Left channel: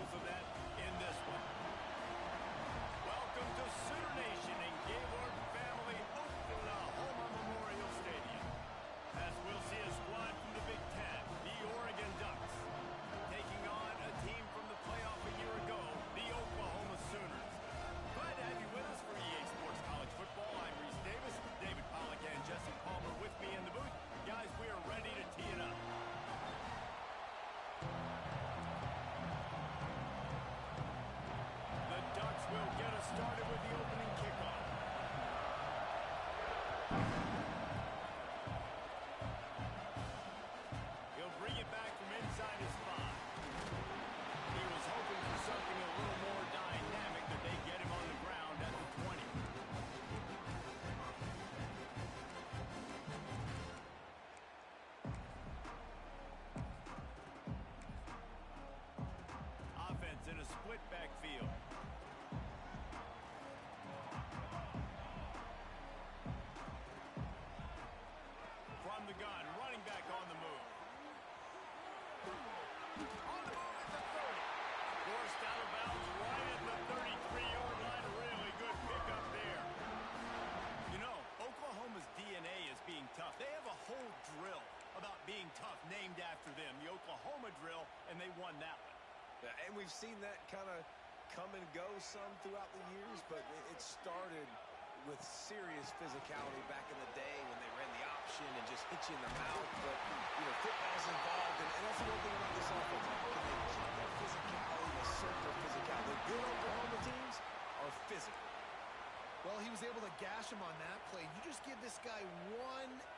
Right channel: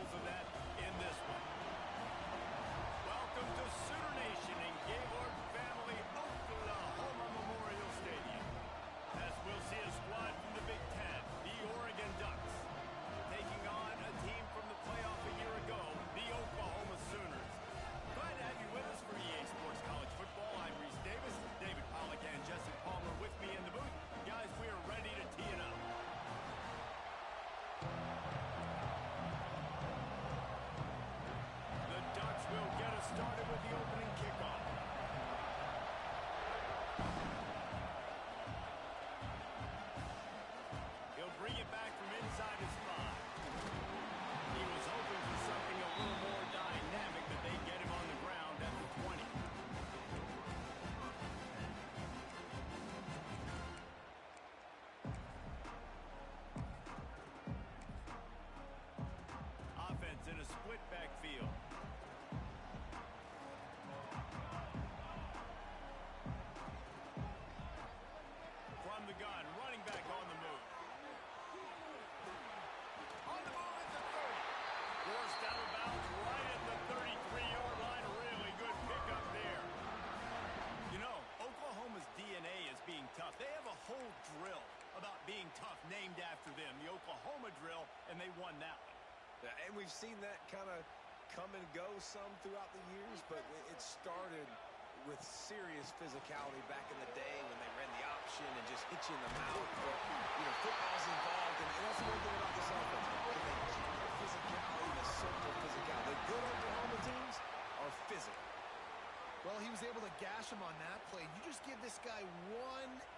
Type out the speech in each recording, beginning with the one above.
examples of that in this one. Welcome to Sooner Nation in Gaylord Family Oklahoma Memorial Stadium. As we'll see a squad from the Big Ten, the Oregon Ducks, taking on a team from the playoff a year ago, the Oklahoma Sooners. Glad to have you with us for EA Sports College Football. I'm Reese Davis, David Pollack and Jesse Palmer with me in the booth. Guys, we are ready to tee it up. The Ducks will get us started with the opening kickoff. He'll bring it back from inside his 5. He was hoping for something a little more dynamic, that they get him on the ground at the 20. Offense in a split backfield. From the gun, running back on the move. On the move at the 30. Forced out of bounds right at the 33-yard line. A really good pickup there. You know, Oklahoma's DNA is being tough. They have a whole drill about being tough named after them, the Oklahoma drill, and they won that one. Yeah, and we've seen that kind of come and go some throughout the years, but it started with serious physicality back in the day when they ran the option and just hit you in the mouth. But, you know, football's involved, and that's the one thing about this offense. Can they keep their physicality and assert their physicality? The good Oklahoma teams are physical. Well, he was able to gash him on that play. You just give this guy 1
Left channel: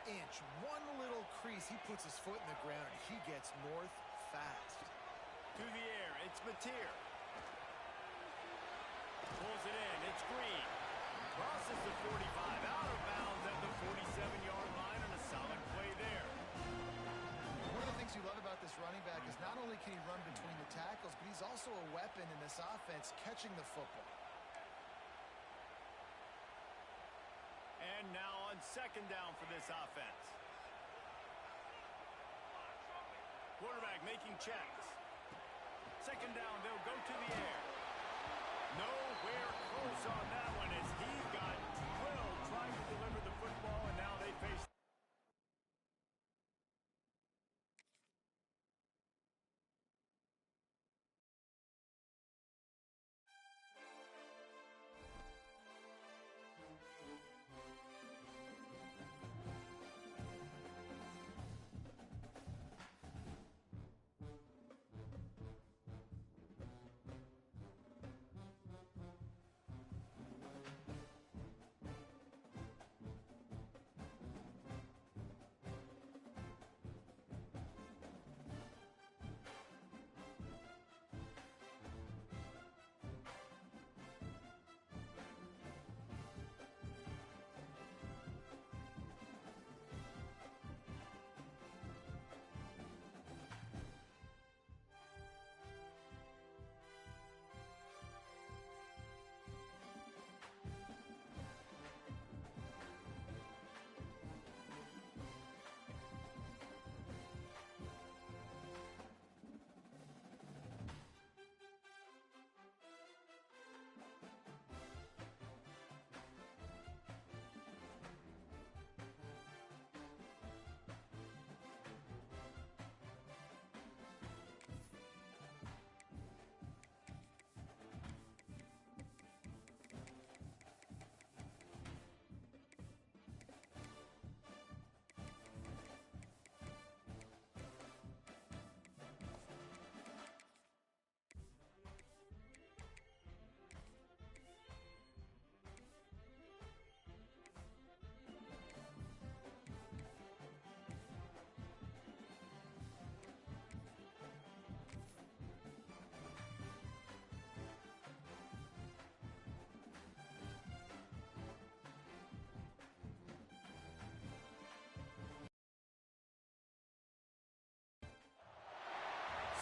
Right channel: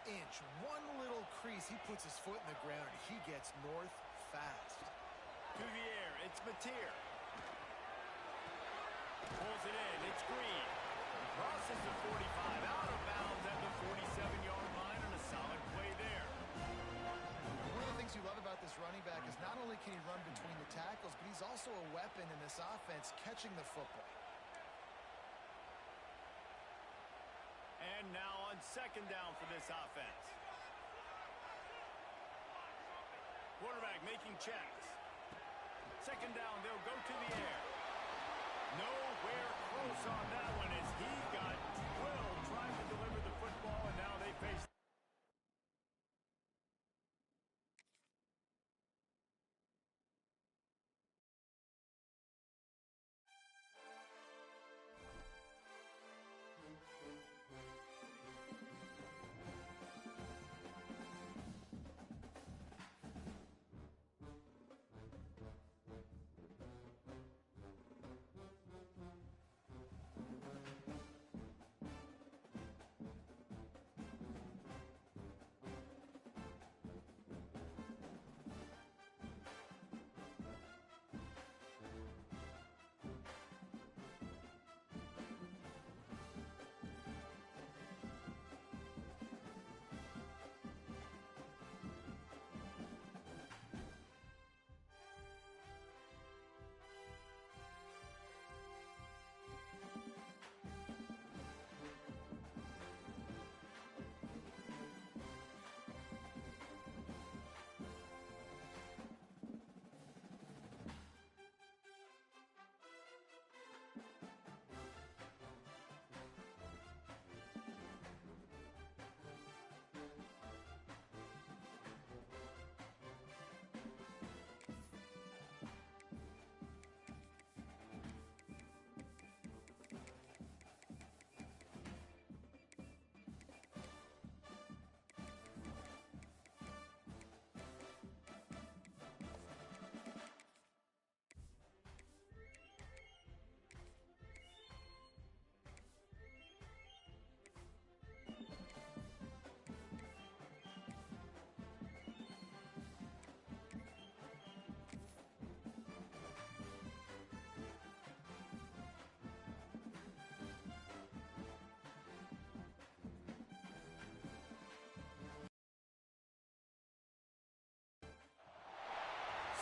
inch, one little crease, he puts his foot in the ground, and he gets north fast. To the air, it's Mateer. Pulls it in, it's Green. Crosses the 45, out of bounds at the 47-yard line, and a solid play there. One of the things you love about this running back is not only can he run between the tackles, but he's also a weapon in this offense catching the football. And now on second down for this offense. Quarterback making checks. Second down, they'll go to the air. Nowhere close on that one as he got drilled trying to deliver the football, and now they face...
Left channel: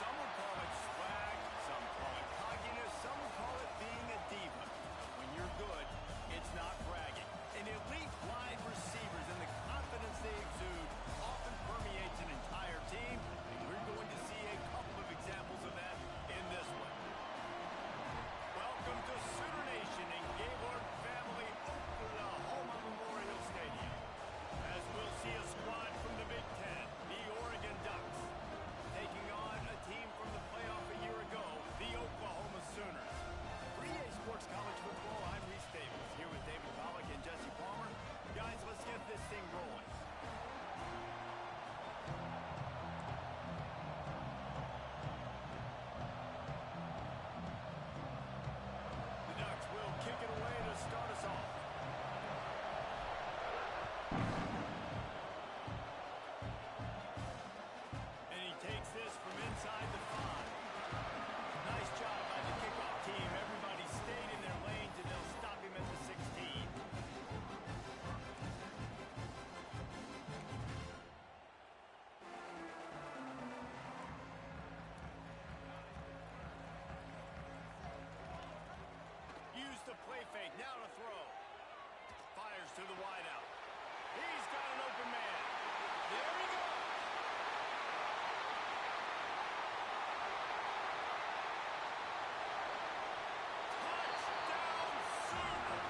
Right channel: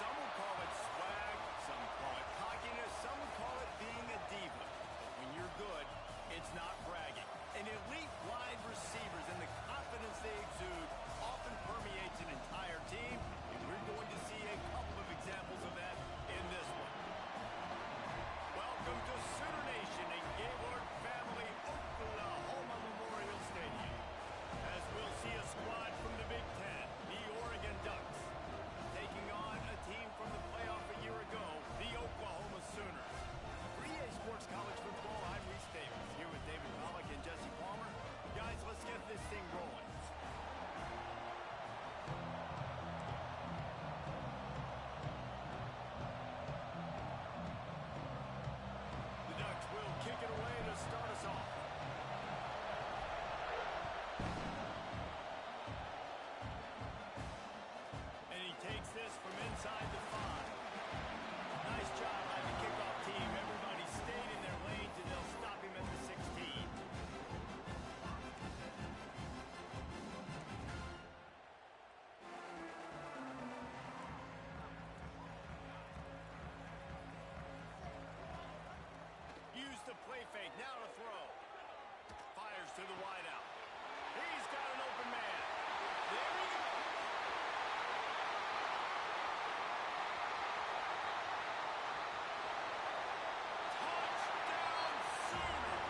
Some would call it swag, some call it cockiness, some would call it being a diva. But when you're good, it's not bragging. And elite wide receivers and the confidence they exude often permeates an entire team, and we're going to see a couple of examples of that in this one. Welcome to Sooner Nation in Gaylord Family Oklahoma Memorial Stadium. As we'll see a squad from the Big Ten, the Oregon Ducks, taking on a team from the playoff a year ago, the Oklahoma Sooners. For EA Sports College Football, I'm Reese Davis, here with David Pollack and Jesse Palmer. Guys, let's get this thing rolling. Kick it away to start us off. And he takes this from inside the 5. Nice job by the kickoff team. Everybody stayed in their lanes, and they'll stop him at the 16. Use the play fake, now to throw. Fires to the wideout. He's got an open man. There he goes. Touchdown Sooners.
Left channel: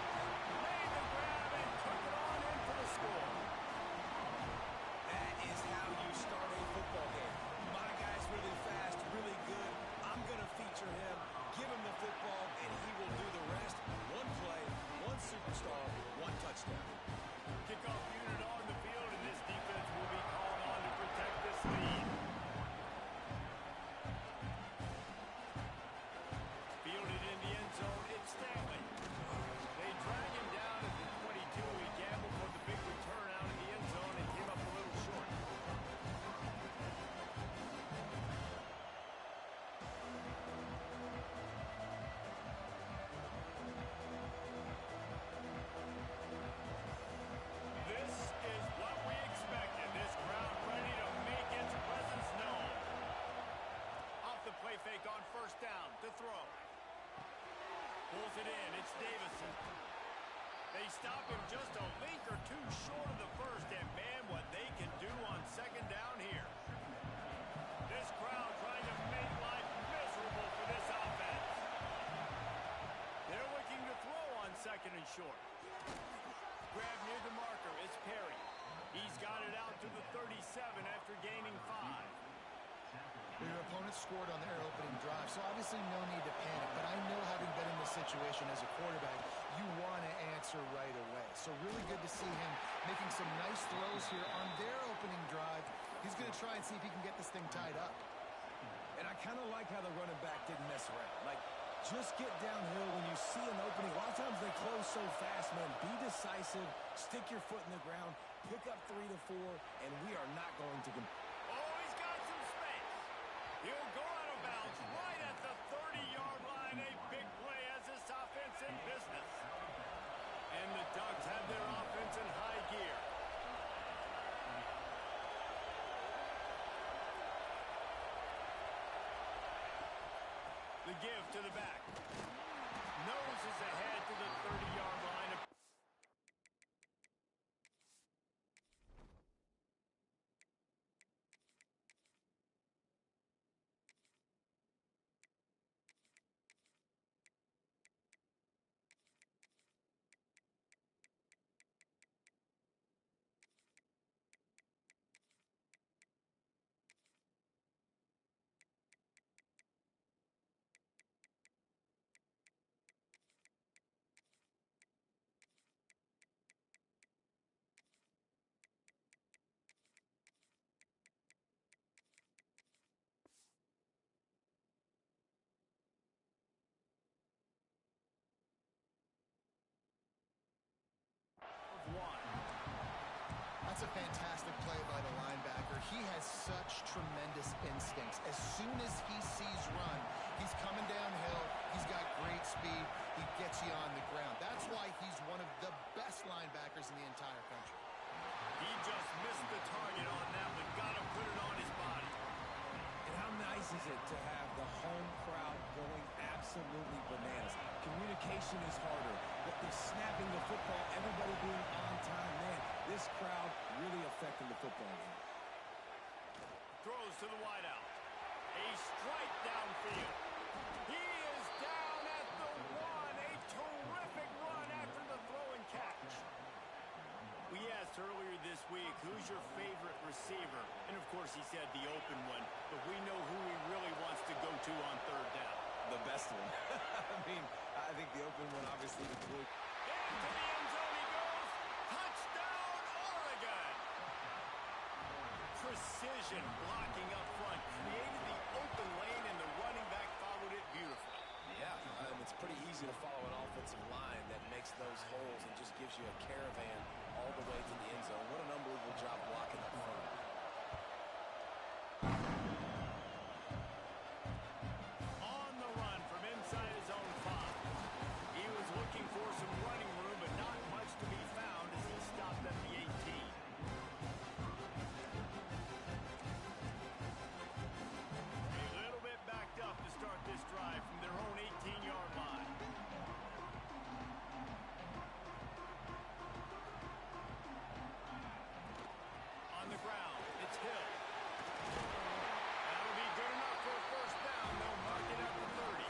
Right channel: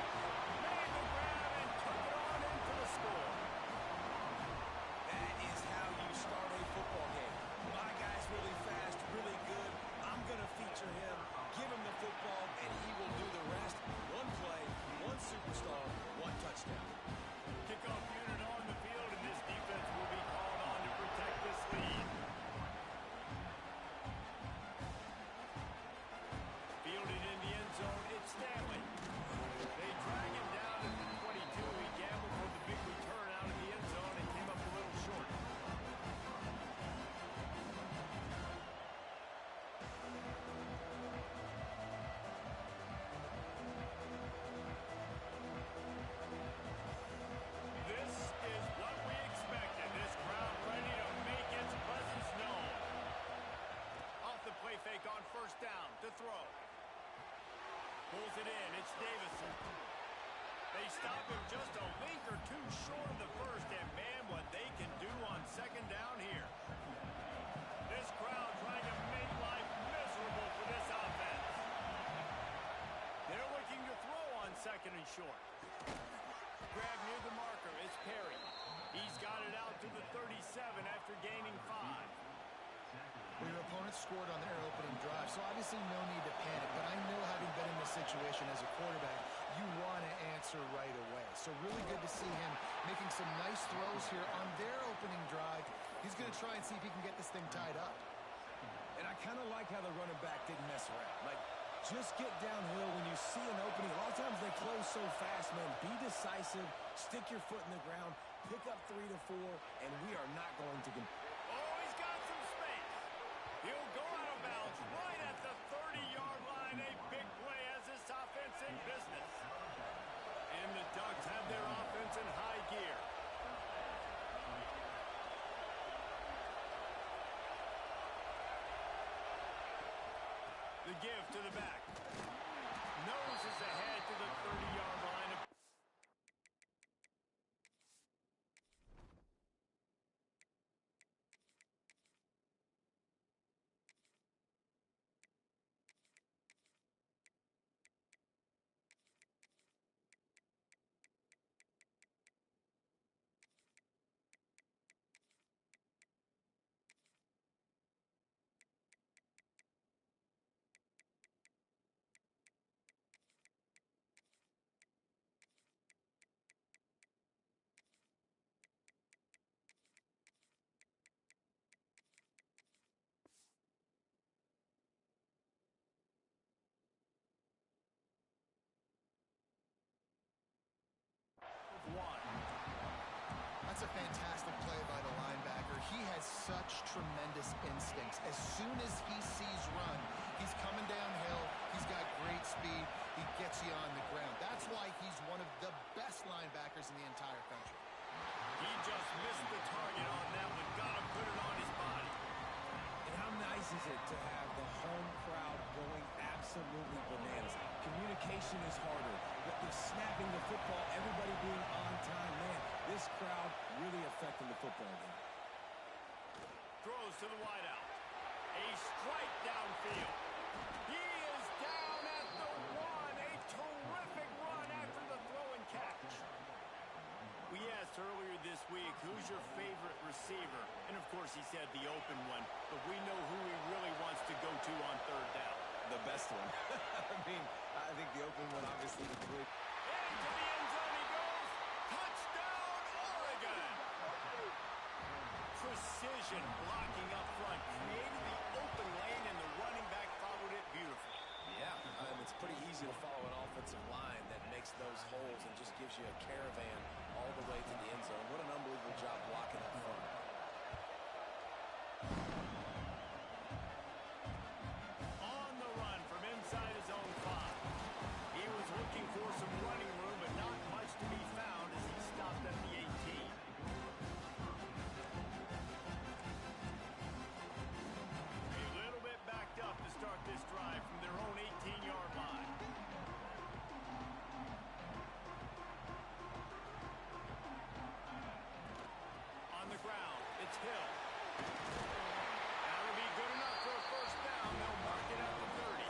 Made the grab and took it on in for the score. That is how you start a football game. My guy's really fast, really good. I'm going to feature him, give him the football, and he will do the rest. One play, one superstar, one touchdown. Kickoff unit on the field, and this defense will be called on to protect this lead. Fielded in the end zone, it's Stanley. They drag him down at the 22. He gambled for the big return out of the end zone and came up a little short. This is what we expected. This crowd ready to make its presence known. Off the play fake on first down to throw. Pulls it in. It's Davison. They stop him just a link or two short of the first, and man, what they can do on second down here. This crowd trying to make life miserable for this offense. They're looking to throw on second and short. Grab near the marker, it's Perry. He's got it out to the 37 after gaining 5. Well, your opponent scored on their opening drive, so obviously no need to panic. But I know, having been in this situation as a quarterback, you want to answer right away. So really good to see him making some nice throws here on their opening drive. He's going to try and see if he can get this thing tied up. And I kind of like how the running back didn't mess around. Like, just get downhill when you see an opening. A lot of times they close so fast, man. Be decisive, stick your foot in the ground, pick up 3 to 4, and we are not going to... Oh, he's got some space. He'll go out of bounds right at the 30-yard line. A big play as this offense in business. And the Ducks have their offense in high gear. The give to the back. Nose is ahead to the 30-yard line. That's a fantastic play by the linebacker. He has such tremendous instincts. As soon as he sees run, he's coming downhill. He's got great speed. He gets you on the ground. That's why he's one of the best linebackers in the entire country. He just missed the target on that one. Got to put it on his body. And how nice is it to have the home crowd going absolutely bananas? Communication is harder. The snapping the football, everybody being on time. Man, this crowd really affecting the football game. Throws to the wideout. A strike downfield. He is down at the 1. this week, who's your favorite receiver? And, of course, he said the open one, but we know who he really wants to go to on third down. The best one. I mean, I think the open one, obviously, the quick. Into the end zone he goes. Touchdown, Oregon! Precision blocking up front. Created the open lane, and the running back followed it beautifully. Yeah, it's pretty easy to follow an offensive line that makes those holes and just gives you a caravan all the way to the end zone. What an unbelievable job blocking up front. On the run from inside his own 5. He was looking for some running room, but not much to be found as he stopped at the 18. A little bit backed up to start this drive from their own 18-yard line. On the ground, it's Hill. That'll be good enough for a first down. They'll mark it at the 30.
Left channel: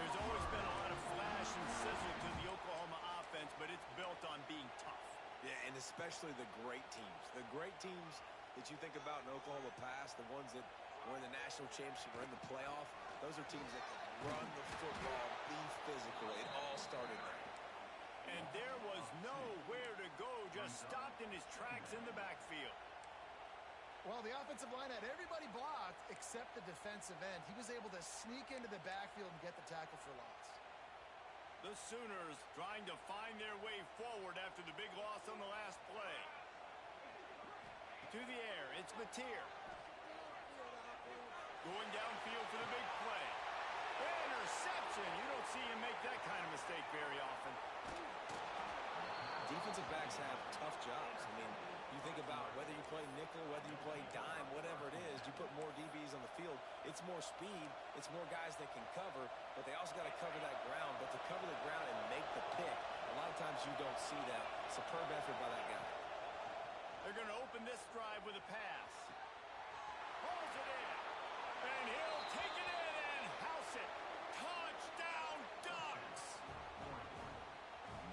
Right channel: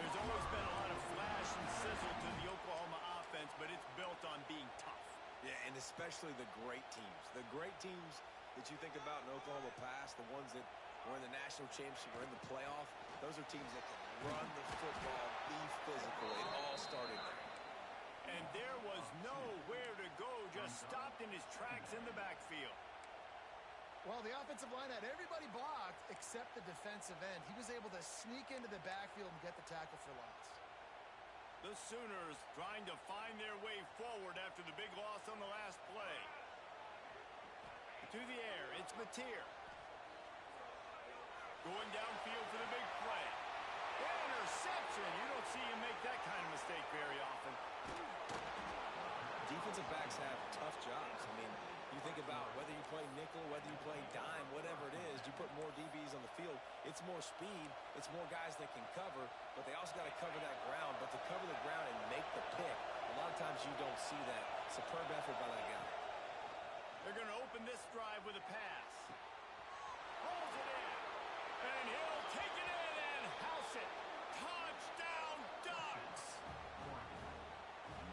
There's always been a lot of flash and sizzle to the Oklahoma offense, but it's built on being tough. Yeah, and especially the great teams. The great teams that you think about in Oklahoma past, the ones that were in the national championship or in the playoff, those are teams that can run the football, be physical. It all started there. And there was nowhere to go, just stopped in his tracks in the backfield. Well, the offensive line had everybody blocked except the defensive end. He was able to sneak into the backfield and get the tackle for loss. The Sooners trying to find their way forward after the big loss on the last play. To the air, it's Mateer. Going downfield for the big play. Interception. You don't see him make that kind of mistake very often. Defensive backs have tough jobs. I mean, you think about whether you play nickel, whether you play dime, whatever it is, you put more DBs on the field. It's more speed. It's more guys that can cover, but they also got to cover that ground. But to cover the ground and make the pick, a lot of times you don't see that. Superb effort by that guy. They're going to open this drive with a pass. Holds it in. And he'll take it in and house it. Touchdown, Ducks!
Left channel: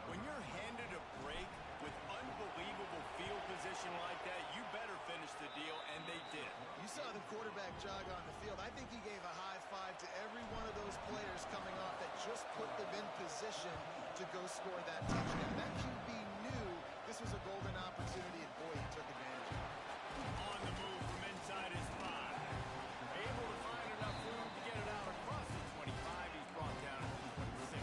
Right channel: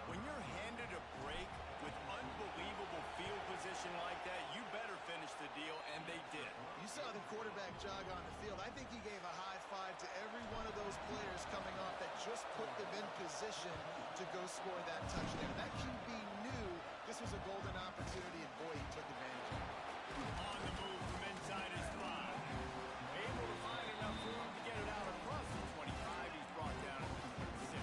When you're handed a break with unbelievable field position like that, you better finish the deal, and they did. You saw the quarterback jog on the field. I think he gave a high five to every one of those players coming off that just put them in position to go score that touchdown. That QB knew this was a golden opportunity, and boy, he took advantage of it. On the move from inside his 5. Able to find enough room to get it out across the 25. He's brought down at the 26.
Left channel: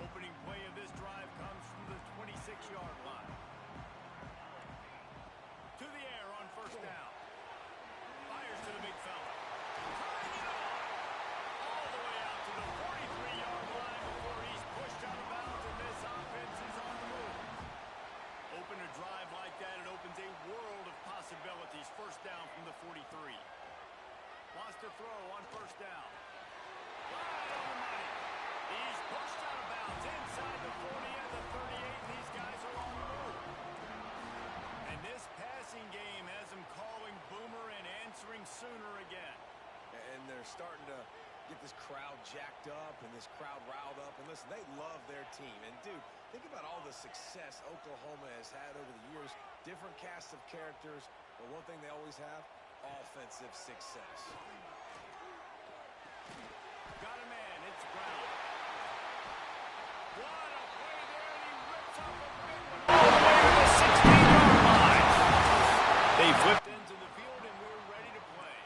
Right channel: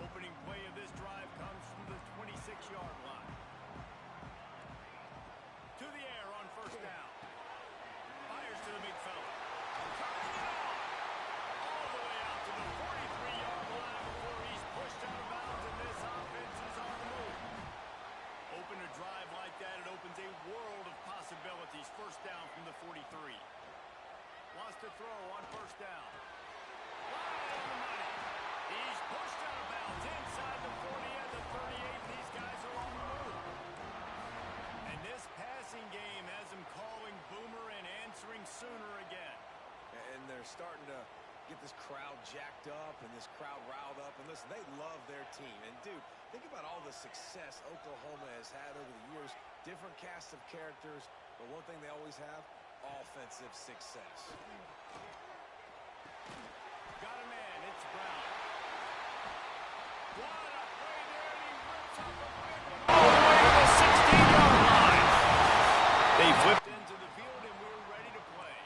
Opening play of this drive comes from the 26-yard line. To the air on first down. Fires to the big fella. Turning it on. All the way out to the 43-yard line before he's pushed out of bounds, and this offense is on the move. Open a drive like that, it opens a world of possibilities. First down from the 43. Wants to throw on first down. Right on the money. He's pushed out of bounds inside the 40 and the 38, and these guys are on the move. And this passing game has him calling Boomer and answering Sooner again. And they're starting to get this crowd jacked up and this crowd riled up. And listen, they love their team. And, dude, think about all the success Oklahoma has had over the years. Different casts of characters. But one thing they always have, offensive success. Got a man. It's Brown. What a play there, and he rips off a big one all the way to the 16-yard line. They flipped into the field, and we're ready to play.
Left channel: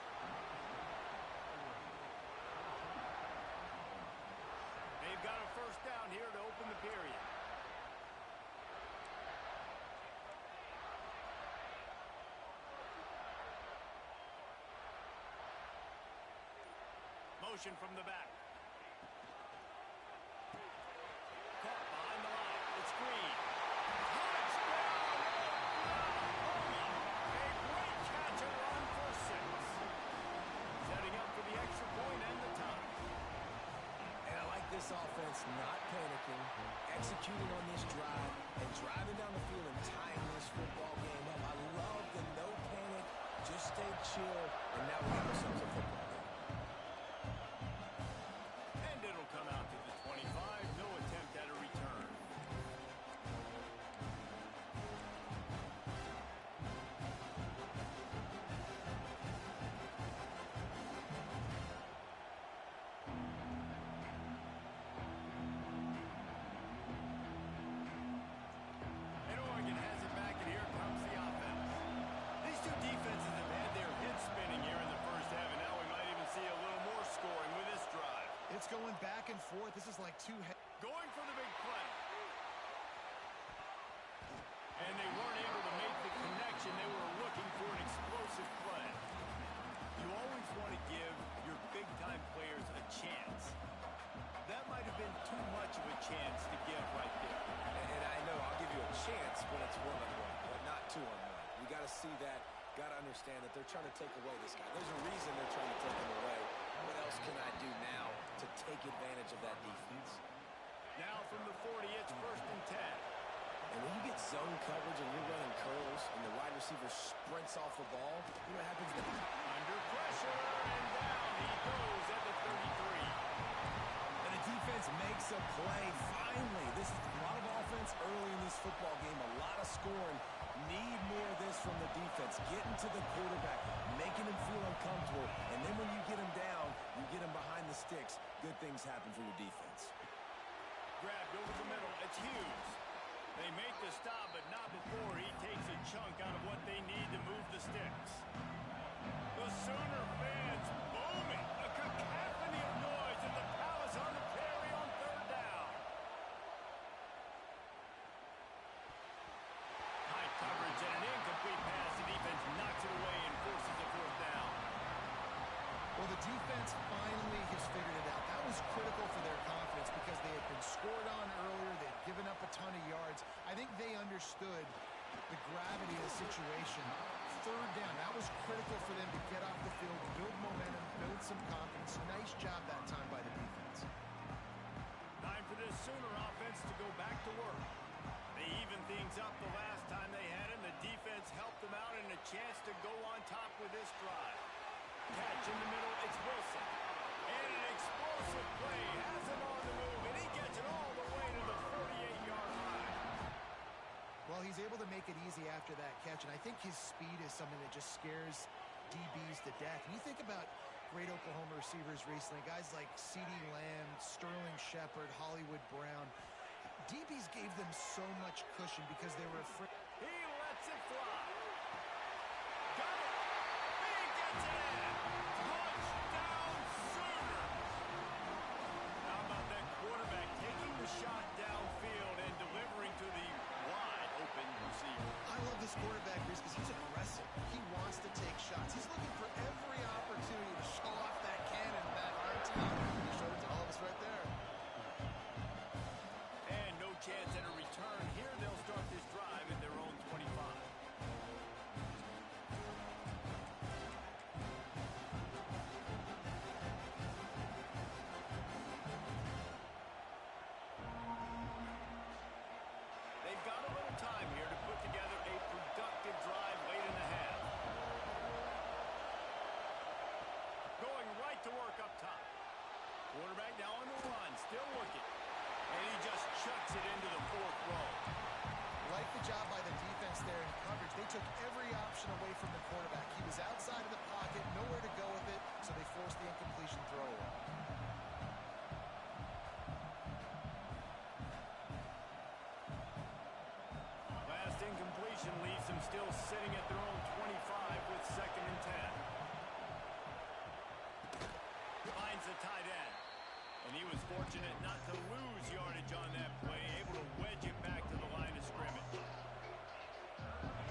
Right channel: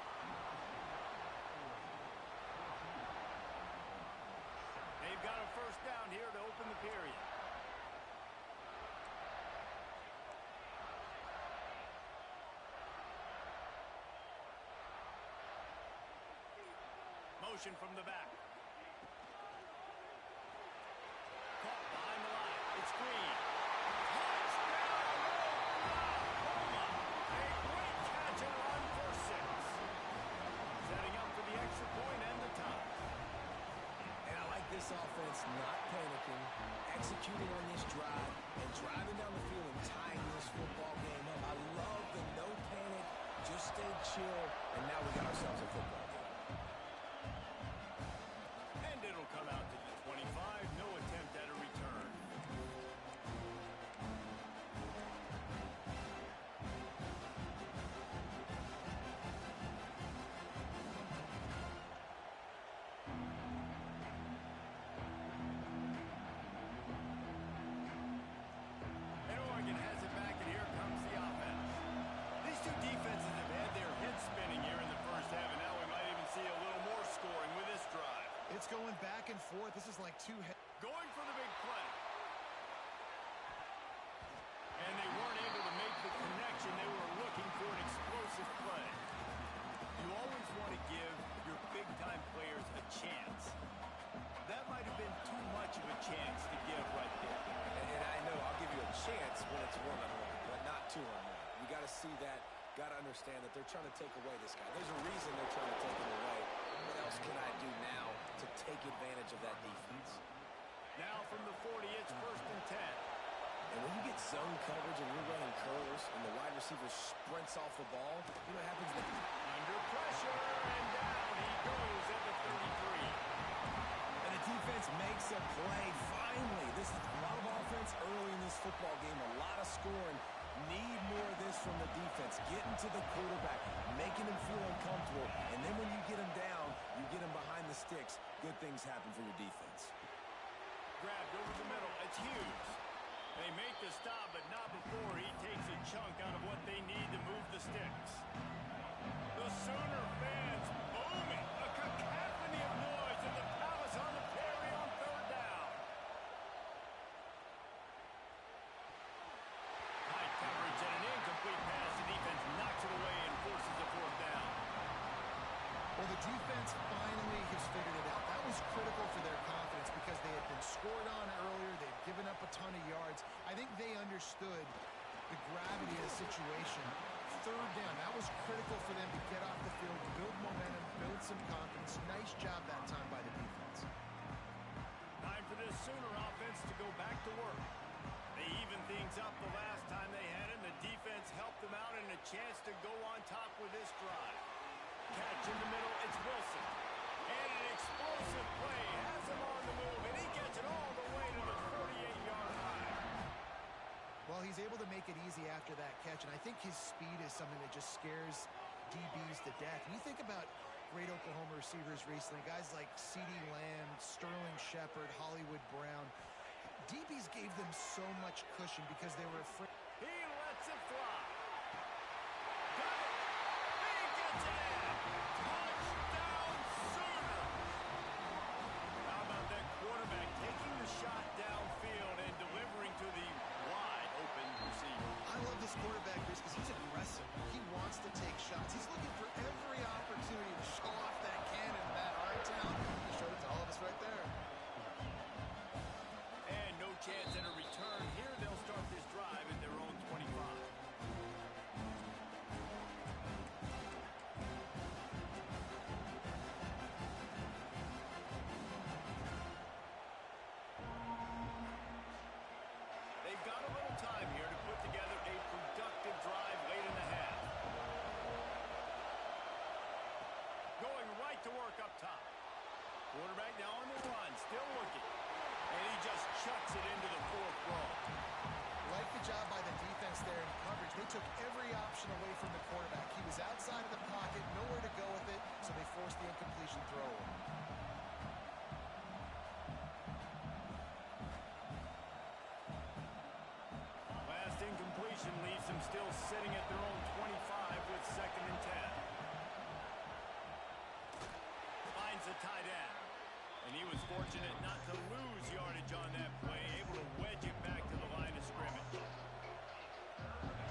They've got a first down here to open the period. Motion from the back. Caught behind the line. It's Green. Touchdown, Oklahoma! A great catch and run for 6. Setting up for the extra point and the tie. And I like this offense not panicking, executing on this drive, and driving down the field and tying this football game up. I love the no panic, just stay chill, and now we got ourselves a football game. going back and forth. This is like two heads. Going for the big play. And they weren't able to make the connection. They were looking for an explosive play. You always want to give your big-time players a chance. That might have been too much of a chance to give right there. And I know I'll give you a chance when it's one-on-one, but not two-on-one. You got to see that, got to understand that they're trying to take away this guy. There's a reason they're trying to take him away. What else can I do now to take advantage of that defense? Now from the 40, it's 1st and 10. And when you get zone coverage and you're running curls and the wide receiver sprints off the ball, you know what happens then? Under pressure, and down he goes at the 33. And the defense makes a play. Finally, this is a lot of offense early in this football game, a lot of scoring. Need more of this from the defense. Getting to the quarterback, making him feel uncomfortable, and then when you get him down, you get him behind the sticks. Good things happen for your defense. Grabbed over the middle. It's Hughes. They make the stop, but not before he takes a chunk out of what they need to move the sticks. The Sooner fans booming. A cacophony of noise at the Palace on the Prairie on 3rd down. High coverage and an incomplete pass. The defense knocks it away and forces a 4th down. Well, the defense finally has figured it out. That was critical for their confidence because they had been scored on earlier. They'd given up a ton of yards. I think they understood the gravity of the situation. 3rd down, that was critical for them to get off the field, build momentum, build some confidence. Nice job that time by the defense. Time for this Sooner offense to go back to work. They evened things up the last time they had it, and the defense helped them out and a chance to go on top with this drive. Catch in the middle, it's Wilson. And an explosive play has him on the move, and he gets it all the way to the 48-yard line. Well, he's able to make it easy after that catch, and I think his speed is something that just scares DBs to death. And you think about great Oklahoma receivers recently, guys like CeeDee Lamb, Sterling Shepard, Hollywood Brown. DBs gave them so much cushion because they were afraid. He lets it fly. Got it. He gets it in. Touchdown Sooners. How about that quarterback taking the shot downfield and delivering to the wide open receiver? I love this quarterback, Bruce, because he's aggressive. He wants to take shots. He's looking for every opportunity to show off that cannon, that arm talent. He showed it to all of us right there. And no chance at a return. Here they'll start this drive at their own 25. They've got a little time here to put together a productive drive late in the half. Going right to work up top. Quarterback now on the run, still looking. And he just chucks it into the 4th row. Like the job by the defense there in coverage. They took every option away from the quarterback. He was outside of the pocket, nowhere to go with it, so they forced the incompletion throw away. Last incompletion leaves them still sitting at their own 25 with 2nd and 10. Finds the tight end. And he was fortunate not to lose yardage on that play, able to wedge it back to the line of scrimmage.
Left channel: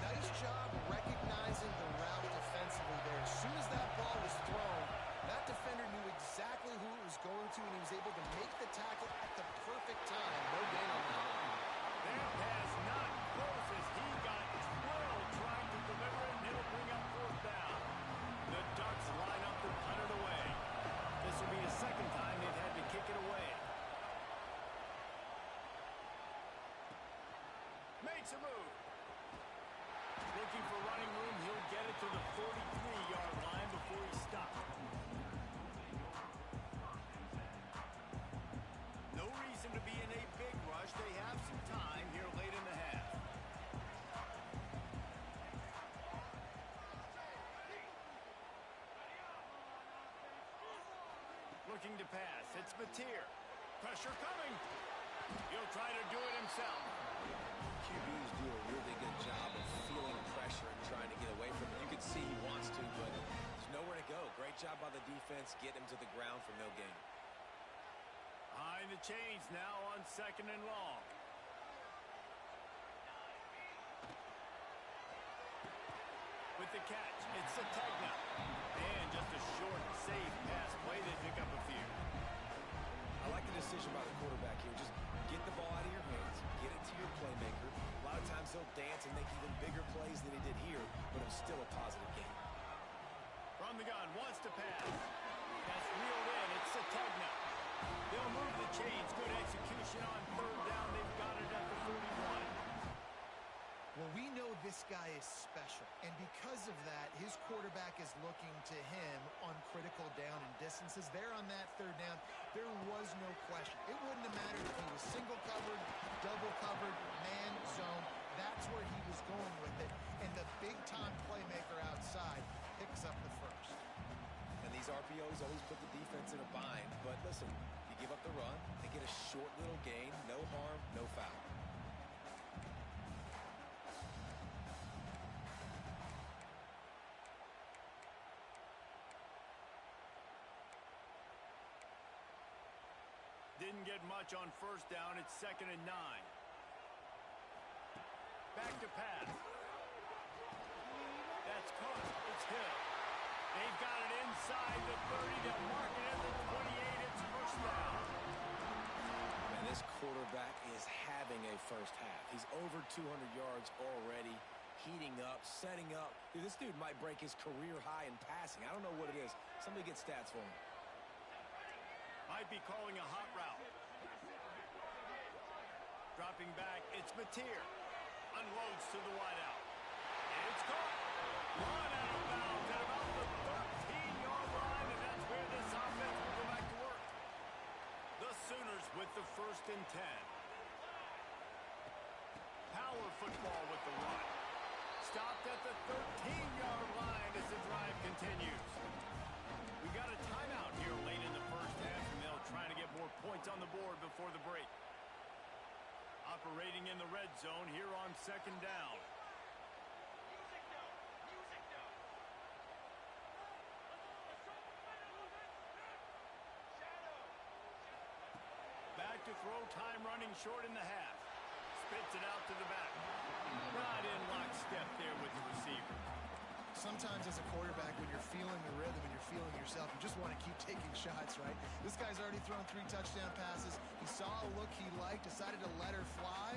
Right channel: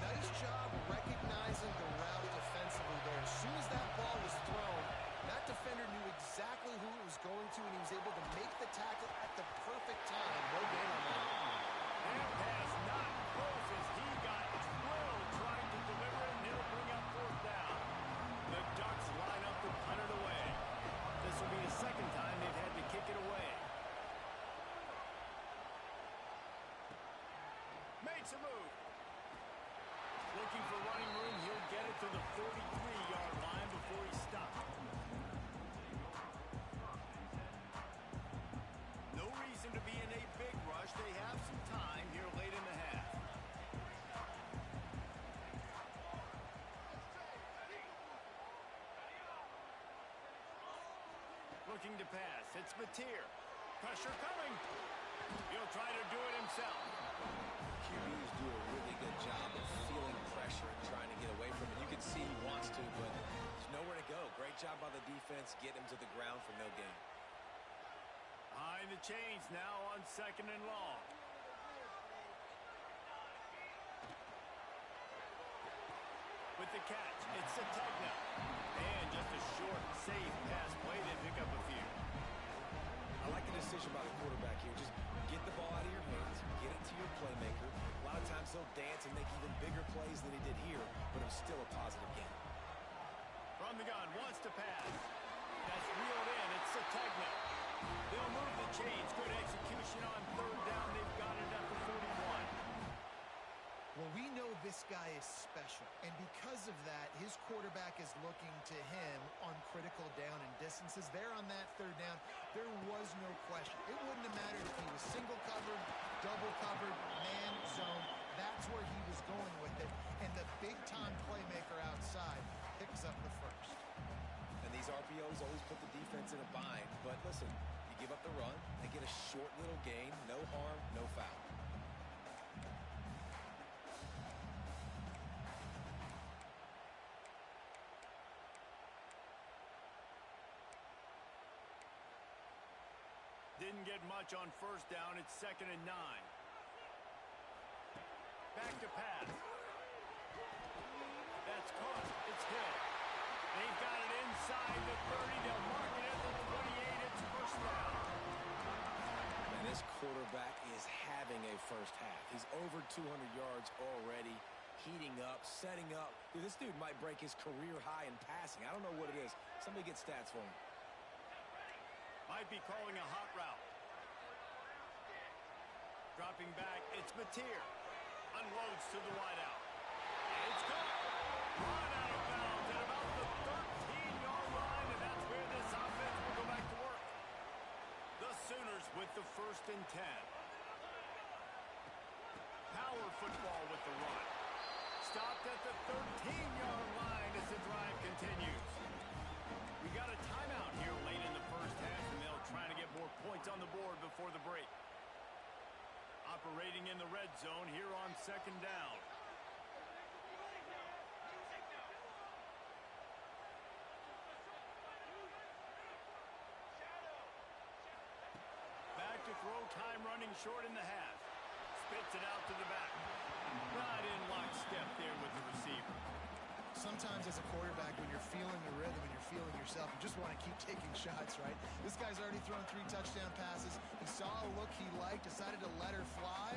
Nice job recognizing the route defensively there. As soon as that ball was thrown, that defender knew exactly who it was going to, and he was able to make the tackle at the perfect time. No gain on that. That pass not close as he got drilled trying to deliver it, and it'll bring up 4th down. The Ducks line up to punt it away. This will be the 2nd time they've had to kick it away. Makes a move. Looking for running room. He'll get it to the 43-yard line before he stopped. No reason to be in a big rush. They have some time here late in the half. Looking to pass. It's Mateer. Pressure coming. He'll try to do it himself. QBs do a really good job of feeling pressure and trying to get away from it. You can see he wants to, but there's nowhere to go. Great job by the defense. Get him to the ground for no gain. Behind the chains now on 2nd and long. With the catch, it's Ncaa. And just a short, safe pass play. They pick up a few. I like the decision by the quarterback here. Just get the ball out of your hands, get it to your playmaker. A lot of times he'll dance and make even bigger plays than he did here, but it was still a positive game. From the gun, wants to pass. That's reeled in. It's Ncaa. They'll move the chains. Good execution on 3rd down. They've got it at the 41. Well, we know this guy is special, and because of that, his quarterback is looking to him on critical down and distances. There on that 3rd down, there was no question. It wouldn't have mattered if he was single covered, double covered, man, zone. That's where he was going with it, and the big-time playmaker outside picks up the first. And these RPOs always put the defense in a bind, but listen, you give up the run, they get a short little gain, no harm, no foul. Didn't get much on 1st down. It's 2nd and 9. Back to pass. That's caught. It's Hill. They've got it inside the 30. They'll mark it at the 28. It's 1st down. And this quarterback is having a first half. He's over 200 yards already, heating up, setting up. Dude, this dude might break his career high in passing. I don't know what it is. Somebody get stats for him. Might be calling a hot route. Dropping back, it's Mateer. Unloads to the wideout. And it's caught. Run out of bounds at about the 13-yard line, and that's where this offense will go back to work. The Sooners with the 1st and 10. Power football with the run. Stopped at the 13-yard line as the drive continues. We got a timeout here late in the 1st half, and they'll try to get more points on the board before the break. Operating in the red zone here on 2nd down. Back to throw, time running short in the half. Spits it out to the back. Not in lockstep there with the receiver. Sometimes as a quarterback, when you're feeling the rhythm and you're feeling yourself, you just want to keep taking shots, right? This guy's already thrown 3 touchdown passes. He saw a look he liked, decided to let her fly.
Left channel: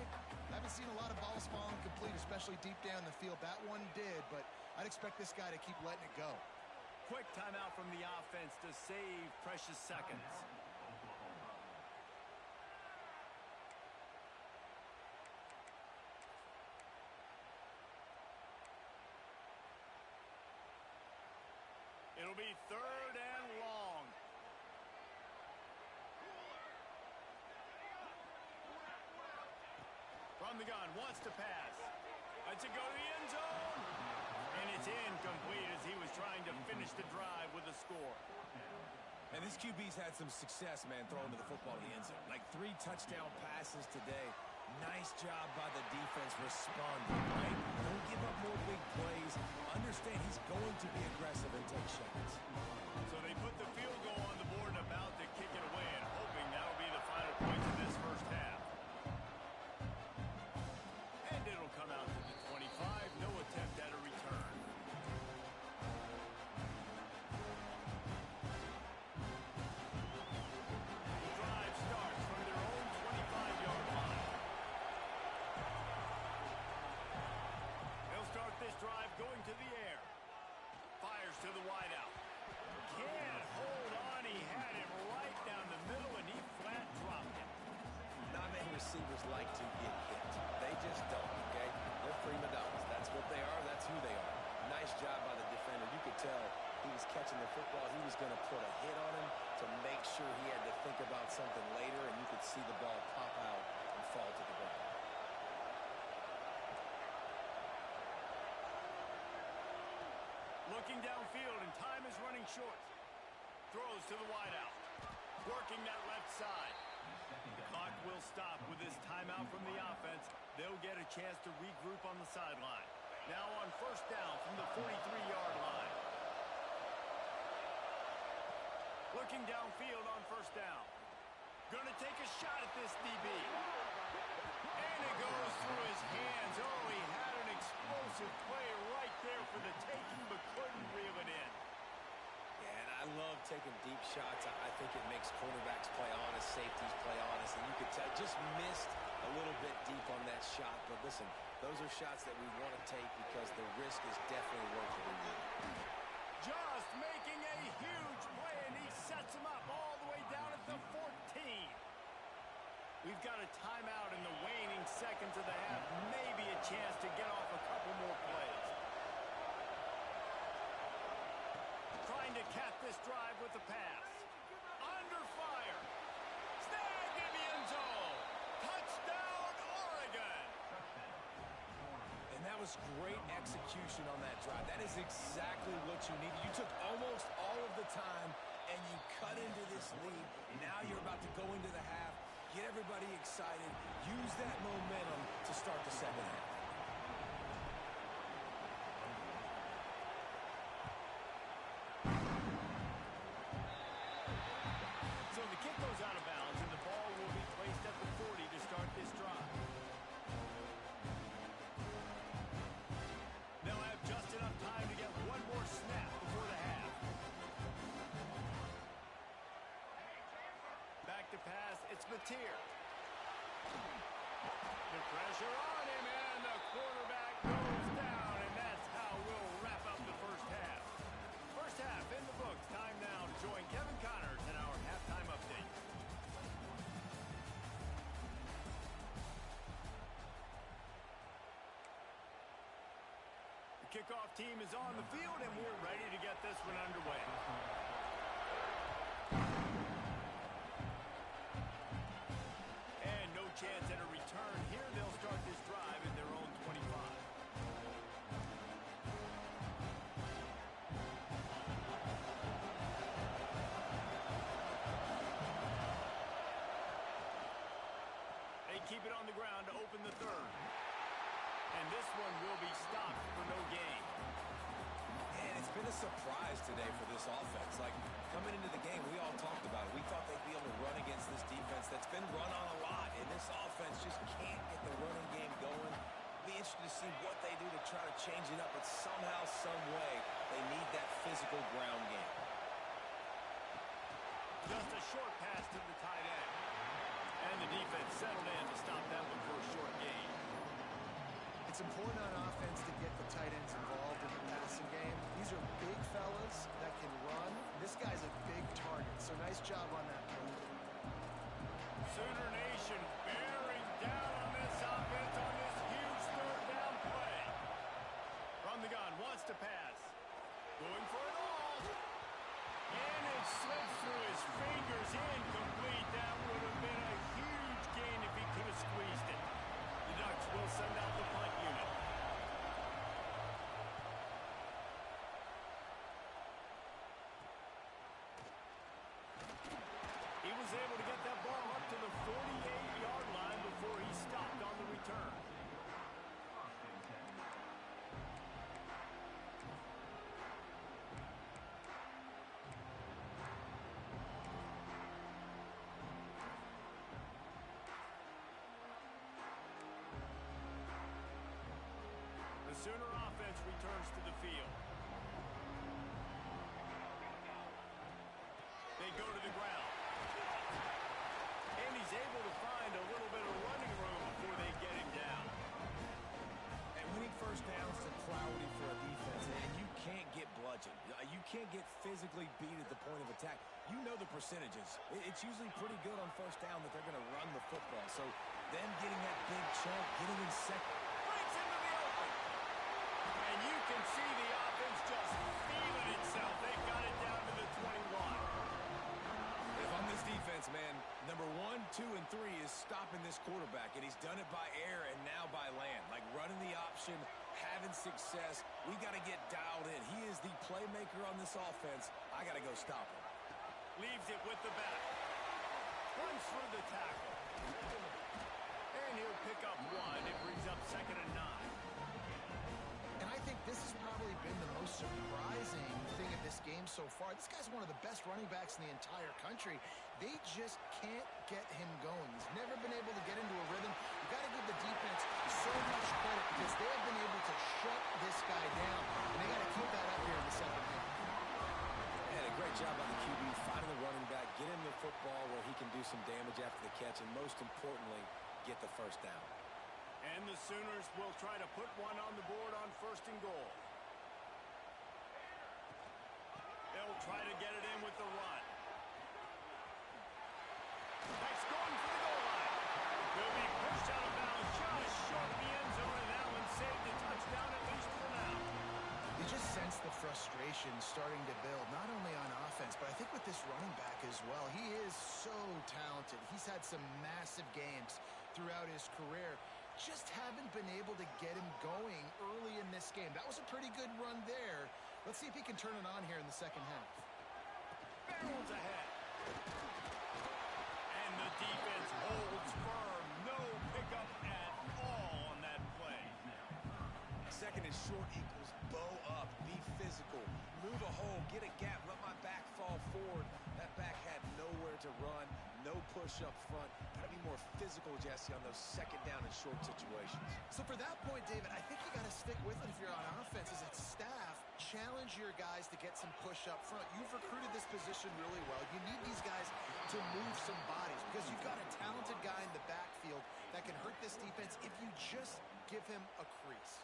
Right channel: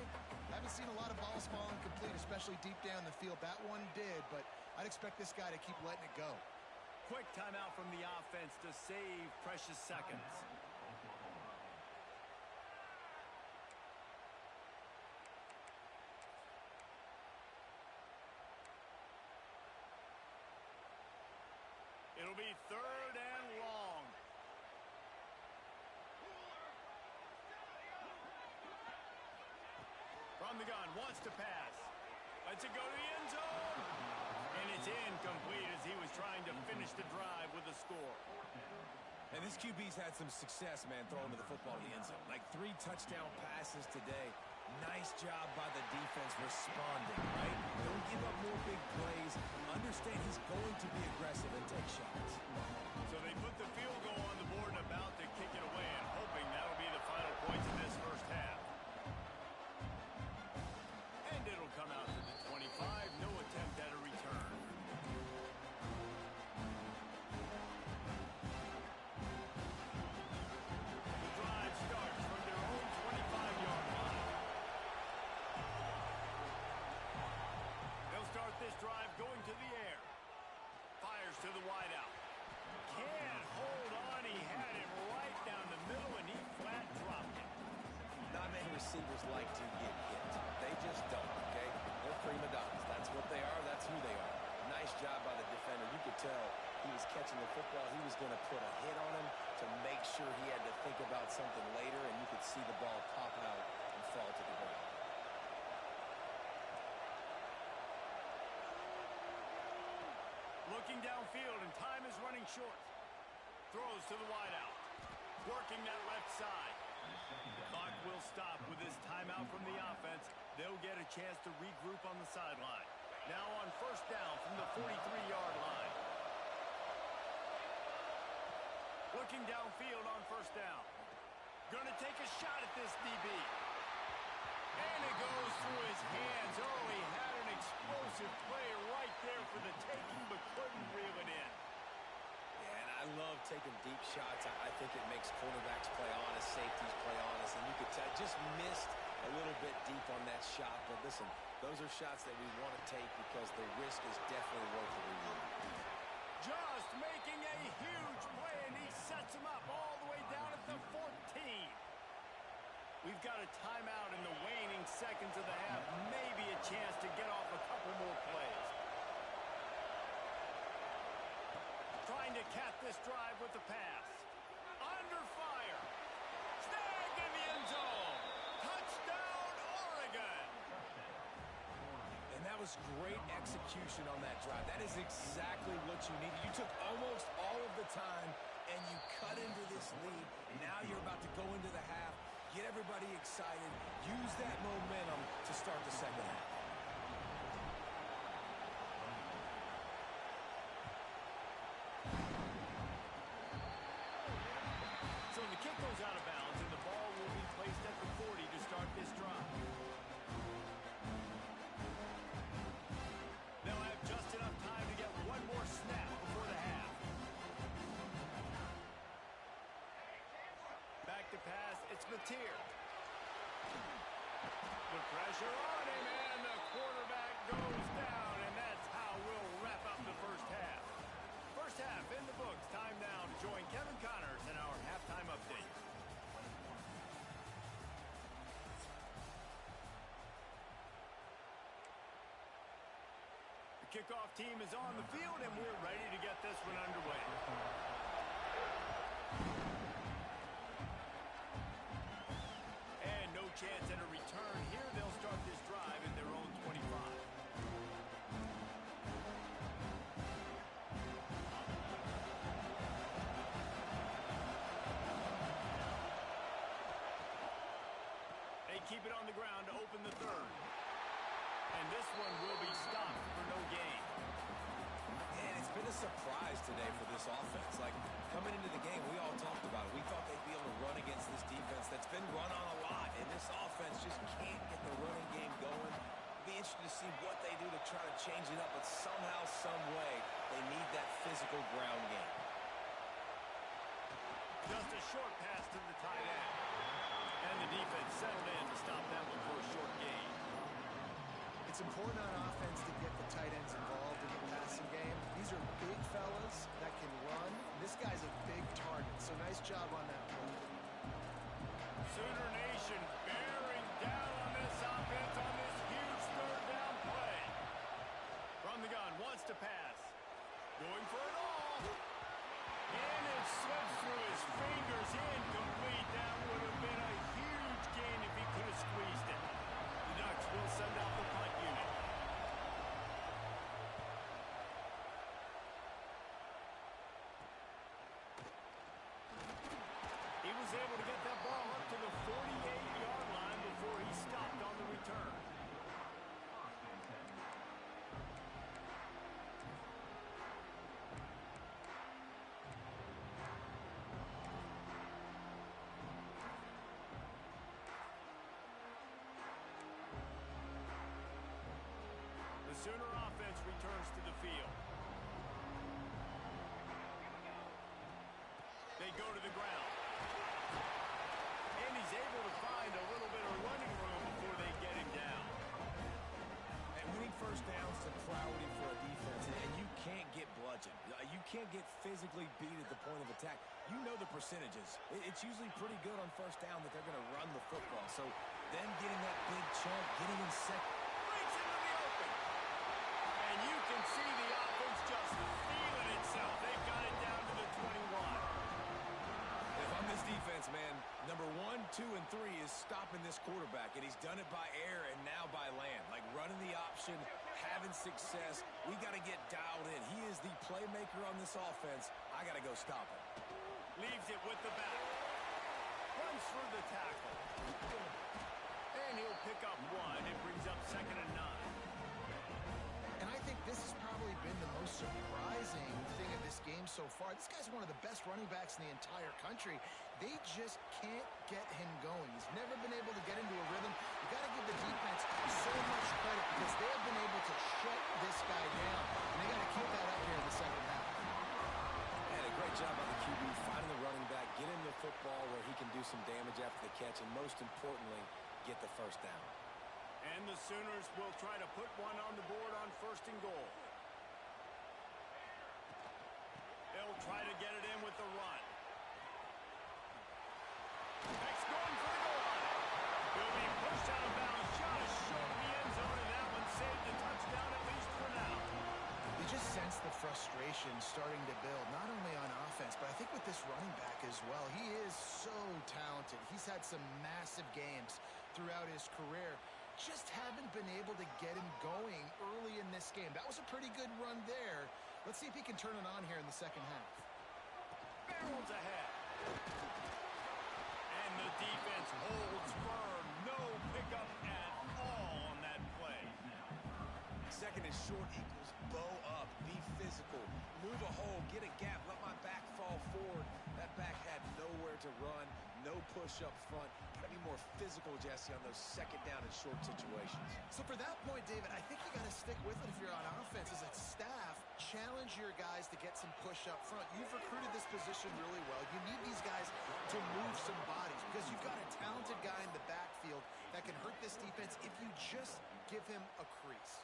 Haven't seen a lot of balls fall incomplete, especially deep down the field. That one did, but I'd expect this guy to keep letting it go. Quick timeout from the offense to save precious seconds. It'll be 3rd and long. From the gun, wants to pass. Lets it go to the end zone. And it's incomplete as he was trying to finish the drive with a score. And this QB's had some success, man, throwing to the football to the end zone. Like 3 touchdown passes today. Nice job by the defense responding, right? Don't give up more big plays. Understand he's going to be aggressive and take shots. So they put the field goal on the board and about to kick it away, and hoping that'll be the final points of this 1st half. And it'll come out to the 25. No attempt at a return. The drive starts from their own 25-yard line. They'll start this drive going to the air. Fires to the wideout. Can't hold on. He had it right down the middle, and he flat dropped it. Not many receivers like to get hit. They just don't, okay? They're prima donnas. That's what they are. That's who they are. Nice job by the defender. You could tell he was catching the football. He was going to put a hit on him to make sure he had to think about something later, and you could see the ball pop out and fall to the ground. Looking downfield, and time is running short. Throws to the wideout. Working that left side. The clock will stop with this timeout from the offense. They'll get a chance to regroup on the sideline. Now on 1st down from the 43-yard line. Looking downfield on 1st down. Gonna take a shot at this DB. And it goes through his hands. Oh, he had an explosive play right there for the taking, but couldn't reel it in. Yeah, and I love taking deep shots. I think it makes cornerbacks play honest, safeties play honest, and you could tell just missed a little bit deep on that shot. But listen, those are shots that we want to take because the risk is definitely worth the reward. Just making a huge play, and he sets him up all the way down at the 14. We've got a timeout in the waning seconds of the half. Maybe a chance to get off a couple more plays. Trying to cap this drive with the pass. Under fire. Snagged in the end zone. Touchdown, Oregon. And that was great execution on that drive. That is exactly what you needed. You took almost all of the time, and you cut into this lead. Now you're about to go into the half. Get everybody excited. Use that momentum to start the second half. So the kick goes out of bounds, and the ball will be placed at the 40 to start this drive. They'll have just enough time to get one more snap before the half. Back to pass, it's Mateer. The pressure on him, and the quarterback goes down, and that's how we'll wrap up the first half. First half in the books. Time now to join Kevin Connors in our halftime update. The kickoff team is on the field, and we're ready to get this one underway. And no chance at a return here. They'll start this drive at their own 25. They keep it on the ground to open the third. And this one will be stopped for no gain. And it's been a surprise today for this offense. Like, coming into the game, we all talked about it. We thought they'd be able to run against this defense that's been run on a lot, and this offense just can't get the running game going. Be interested to see what they do to try to change it up, but somehow, some way, they need that physical ground game. Just a short pass to the tight end. And the defense settled in to stop that one for a short gain. It's important on offense to get the tight ends involved in the passing game. These are big fellas that can run. This guy's a big target, so nice job on that play. Sooner Nation bearing down on this offense on this huge third down play. From the gun, wants to pass. Going for it all. And it slips through his fingers, incomplete. That would have been a huge gain if he could have squeezed it. The Ducks will send out the punt unit. He was able to get that ball up to the 48-yard line before he stopped on the return. The Sooner offense returns to the field. They go to the ground. And he's able to find a little bit of running room before they get him down. And winning first downs is a priority for a defense, and you can't get bludgeoned. You can't get physically beat at the point of attack. You know the percentages. It's usually pretty good on first down that they're going to run the football. So them getting that big chunk, getting in second. Breaks into the open. And you can see the offense just feeling itself. They got it down to the 21. If I'm this defense, man, number 1, 2, and 3 is stopping this quarterback, and he's done it by air and now by land. Like running the option, having success. We got to get dialed in. He is the playmaker on this offense. I got to go stop him. Leaves it with the back. Runs through the tackle. And he'll pick up one. It brings up 2nd and 9. And I think this has probably been the most surprising thing of this game so far. This guy's one of the best running backs in the entire country. They just can't get him going. He's never been able to get into a rhythm. You got to give the defense so much credit because they have been able to shut this guy down, and they got to keep that up here in the second half. And a great job by the QB finding the running back, get him the football where he can do some damage after the catch, and most importantly, get the first down. And the Sooners will try to put one on the board on 1st and goal. They'll try to get it in with the run. That's going for the goal line. He'll be pushed out of bounds just short of the end zone, and that one saved a touchdown at least for now. You just sense the frustration starting to build, not only on offense, but I think with this running back as well. He is so talented. He's had some massive games throughout his career. Just haven't been able to get him going early in this game. That was a pretty good run there. Let's see if he can turn it on here in the second half. Barrels ahead. And the defense holds firm. No pickup at all on that play. 2nd and short equals bow up, be physical, move a hole, get a gap, let my back fall forward. That back had nowhere to run, no push up front. Got to be more physical, Jesse, on those 2nd down and short situations. So for that point, David, I think you got to stick with it if you're on offense as a staff. Challenge your guys to get some push up front. You've recruited this position really well. You need these guys to move some bodies because you've got a talented guy in the backfield that can hurt this defense if you just give him a crease.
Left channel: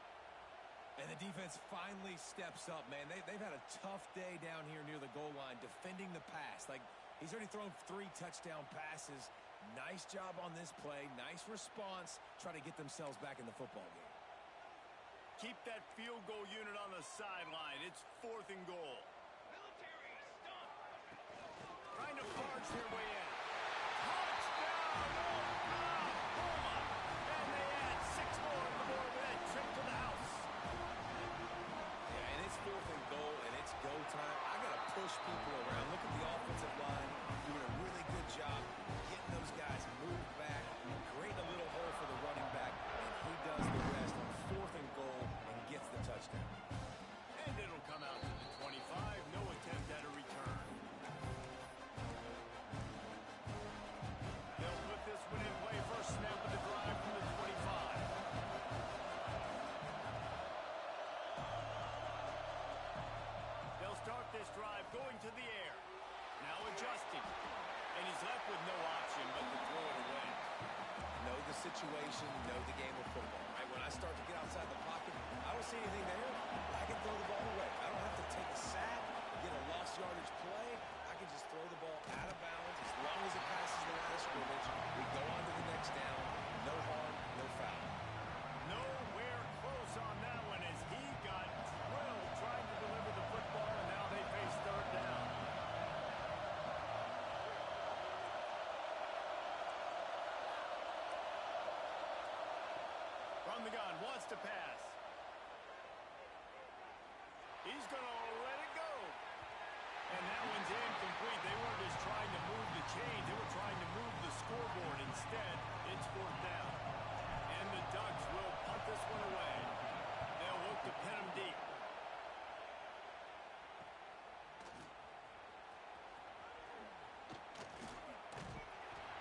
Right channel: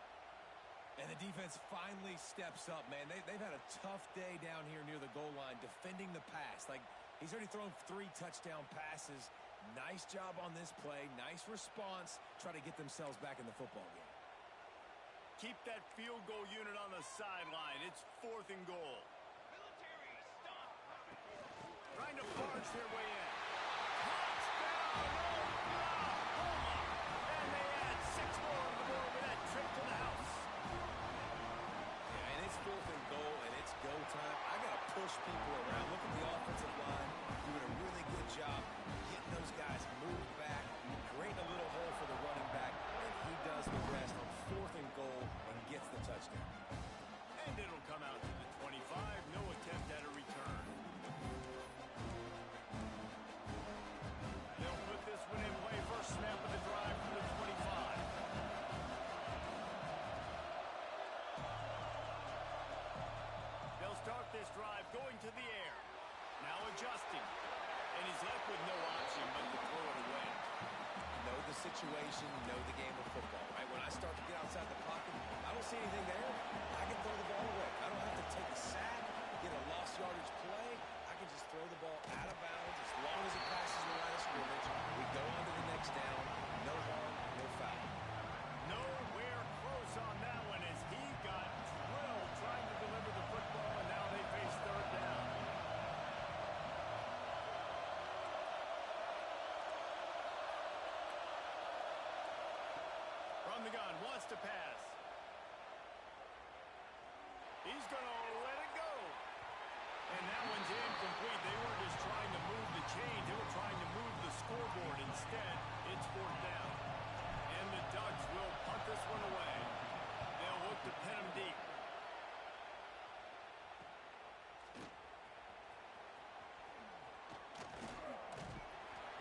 And the defense finally steps up, man. They've had a tough day down here near the goal line defending the pass. Like, he's already thrown 3 touchdown passes. Nice job on this play. Nice response. Try to get themselves back in the football game. Keep that field goal unit on the sideline. It's 4th and goal. Trying to barge their way in. Touchdown, Oklahoma! And they add 6 more on the board with that trip to the house. Yeah, and it's 4th and goal, and it's go time. I got to push people around. Look at the offensive line doing a really good job getting those guys moved back, creating a little hole for the running back, and he does the rest on 4th and goal and gets the touchdown. And it'll come out to the 25. No attempt at a return. They'll put this one in play. First snap of the drive from the 25. They'll start this drive going to the air. Now adjusting. And he's left with no option but to throw it away. Know the situation, know the game of football, right? When I start to get outside the pocket, I don't see anything there. I can throw the ball away. I don't have to take a sack, get a lost yardage play. I can just throw the ball out of bounds as long as it passes the line of scrimmage. We go on to the next down. No harm, no foul. Nowhere close on that one as he got drilled trying to deliver the football, and now they face 3rd down. From the gun, wants to pass. He's going to let it go. And that one's incomplete. They weren't just trying to move the chains. They were trying to move the scoreboard. Instead, it's 4th down. And the Ducks will punt this one away. They'll look to pin him deep.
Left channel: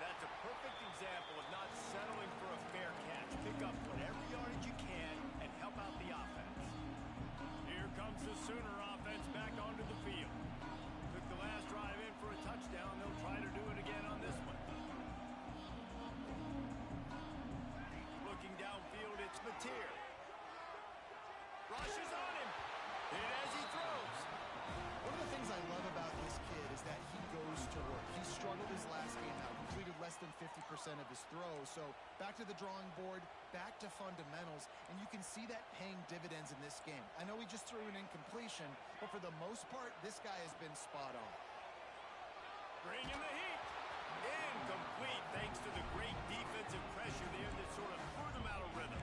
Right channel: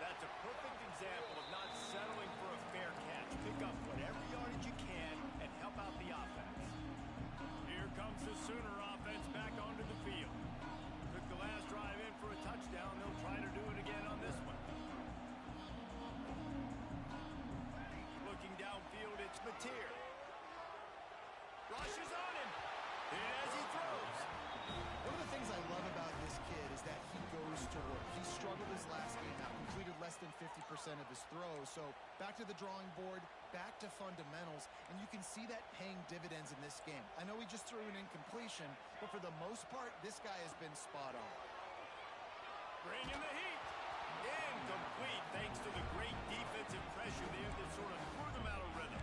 That's a perfect example of not settling for a fair catch. Pick up whatever yardage you can and help out the offense. Here comes the Sooner offense back onto the field. Took the last drive in for a touchdown. They'll try to do it again on this one. Looking downfield, it's Mateer. Rushes on him. Hit as he throws. One of the things I love about this kid is that he goes to work. He struggled his last game out, completed less than 50% of his throws. So back to the drawing board, back to fundamentals, and you can see that paying dividends in this game. I know he just threw an incompletion, but for the most part, this guy has been spot on. Bringing the heat. Incomplete thanks to the great defensive pressure there that sort of threw them out of rhythm.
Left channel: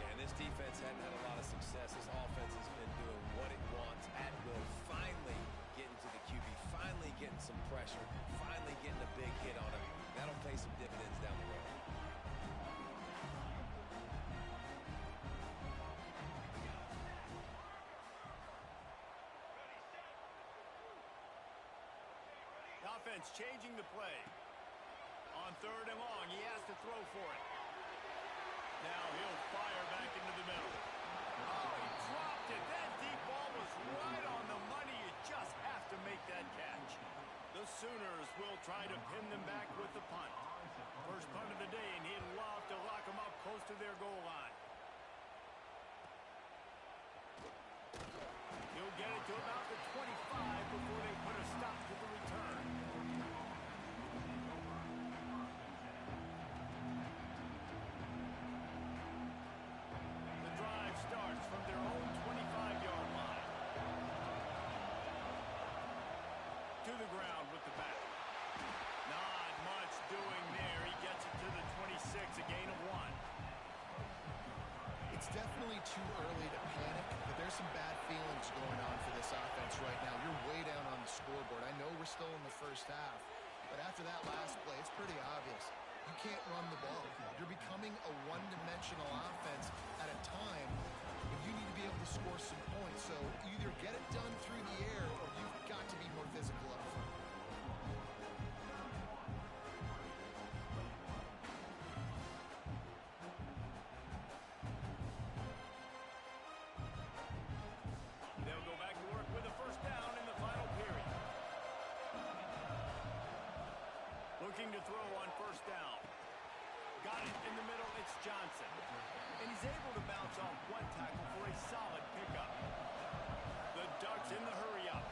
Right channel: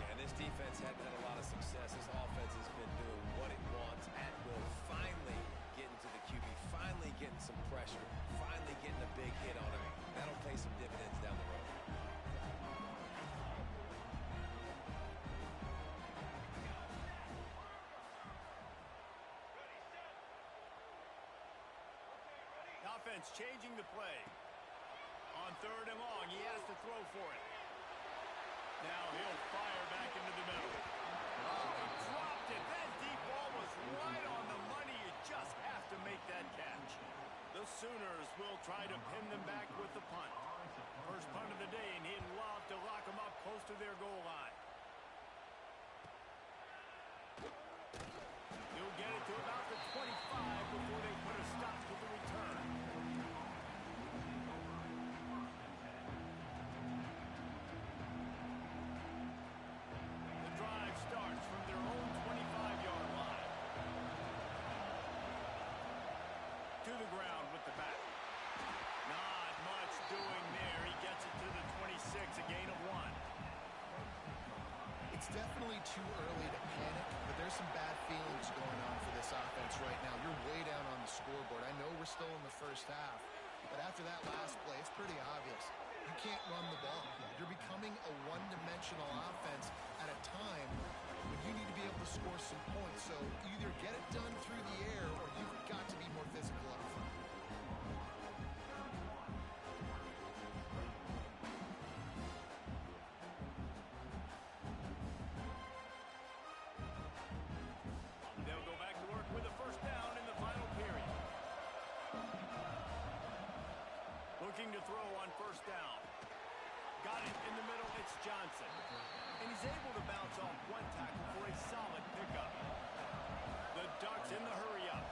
Yeah, and this defense hadn't had a lot of success. This offense has been doing what it wants at will. Finally getting to the QB, finally getting some pressure, finally getting a big hit on him. That'll pay some dividends down the road. offense changing the play. On 3rd and long, he has to throw for it. Now he'll fire back into the middle. Oh, he dropped it. That deep ball was right on the money. You just have to make that catch. The Sooners will try to pin them back with the punt. First punt of the day, and he'd love to lock them up close to their goal line. He'll get it to about the 25 before they put a stop to the return. The drive starts from their own 25-yard line. To the ground with the back. Not much doing there. He gets it to the 26, a gain of 1. It's definitely too early to panic, but there's some bad feelings going on for this offense right now. You're way down on the scoreboard. I know we're still in the first half, but after that last play, it's pretty obvious. You can't run the ball. You're becoming a one-dimensional offense at a time when you need to be able to score some points. So either get it done through the air or you've got to be more physical up front. They'll go back to work with a first down in the final period. Looking to throw on first down. Got it in the middle. It's Johnson. And he's able to bounce off one tackle for a solid pickup. The Ducks in the hurry-up.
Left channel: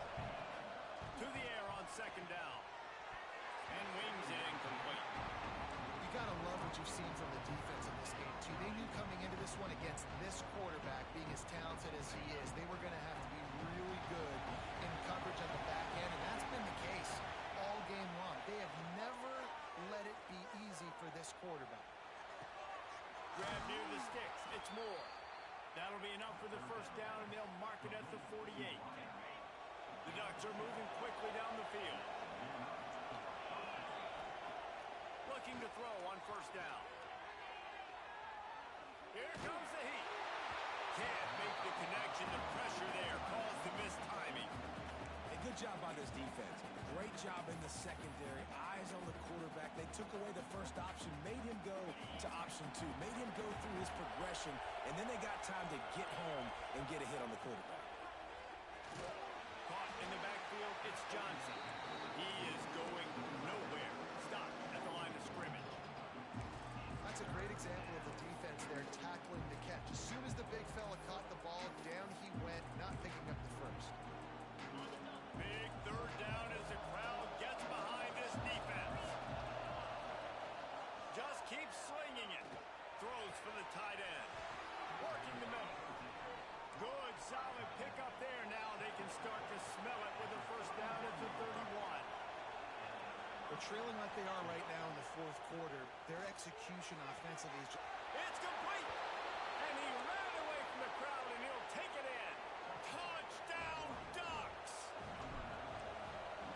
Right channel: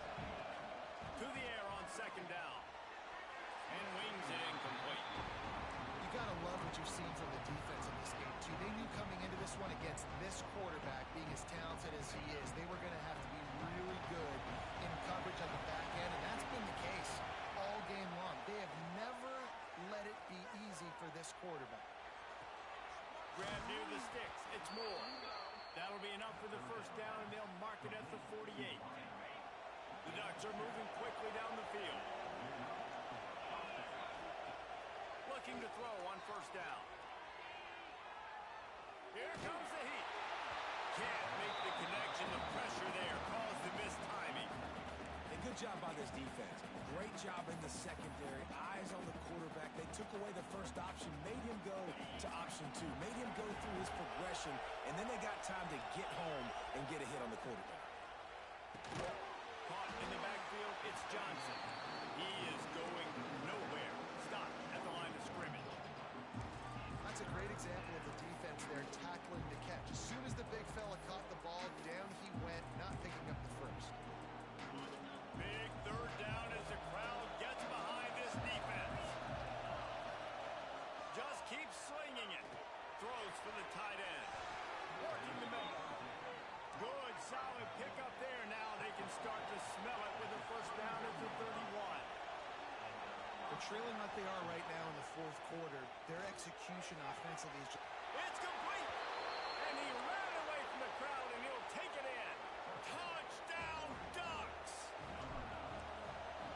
To the air on second down. And wings it incomplete. You got to love what you've seen from the defense in this game, too. They knew coming into this one against this quarterback, being as talented as he is, they were going to have to be really good in coverage on the back end, and that's been the case all game long. They have never let it be easy for this quarterback. Grab near the sticks. It's Moore. That'll be enough for the first down, and they'll mark it at the 48. The Ducks are moving quickly down the field. Looking to throw on first down. Here comes the heat. Can't make the connection. The pressure there caused the missed timing. A good job by this defense. Great job in the secondary. Eyes on the quarterback. They took away the first option, made him go to option 2, made him go through his progression, and then they got time to get home and get a hit on the quarterback. Caught in the backfield, it's Johnson. He is going nowhere. Stop at the line of scrimmage. That's a great example of the defense there tackling the catch. As soon as the big fella caught the ball, down he went, not picking up the first. Big third down as the crowd gets behind this defense. Just keeps slinging it. Throws for the tight end. Working the middle. Good, solid pickup there. Now they can start to smell it with a first down at the 31. They're trailing like they are right now in the fourth quarter. Their execution offensively is just... It's complete. And he ran away from the crowd, and he'll take it in. Touchdown, Ducks.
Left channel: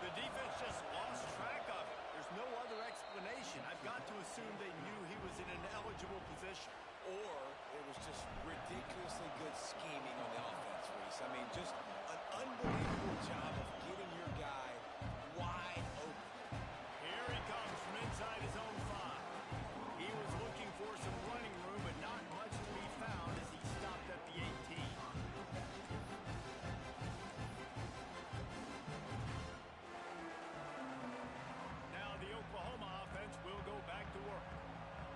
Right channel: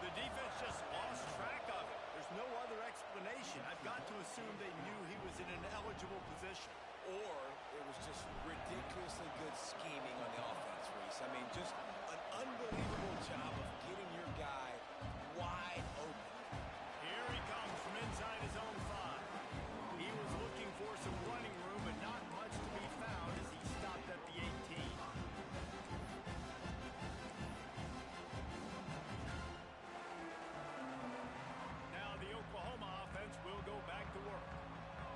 The defense just lost track of it. There's no other explanation. I've got to assume they knew he was in an eligible position. Or it was just ridiculously good scheming on the offense, Reese. I mean, just an unbelievable job of getting your guy wide open. Here he comes from inside his own 5. He was looking for some running room, but not much to be found as he stopped at the 18. Now the Oklahoma offense will go back to work.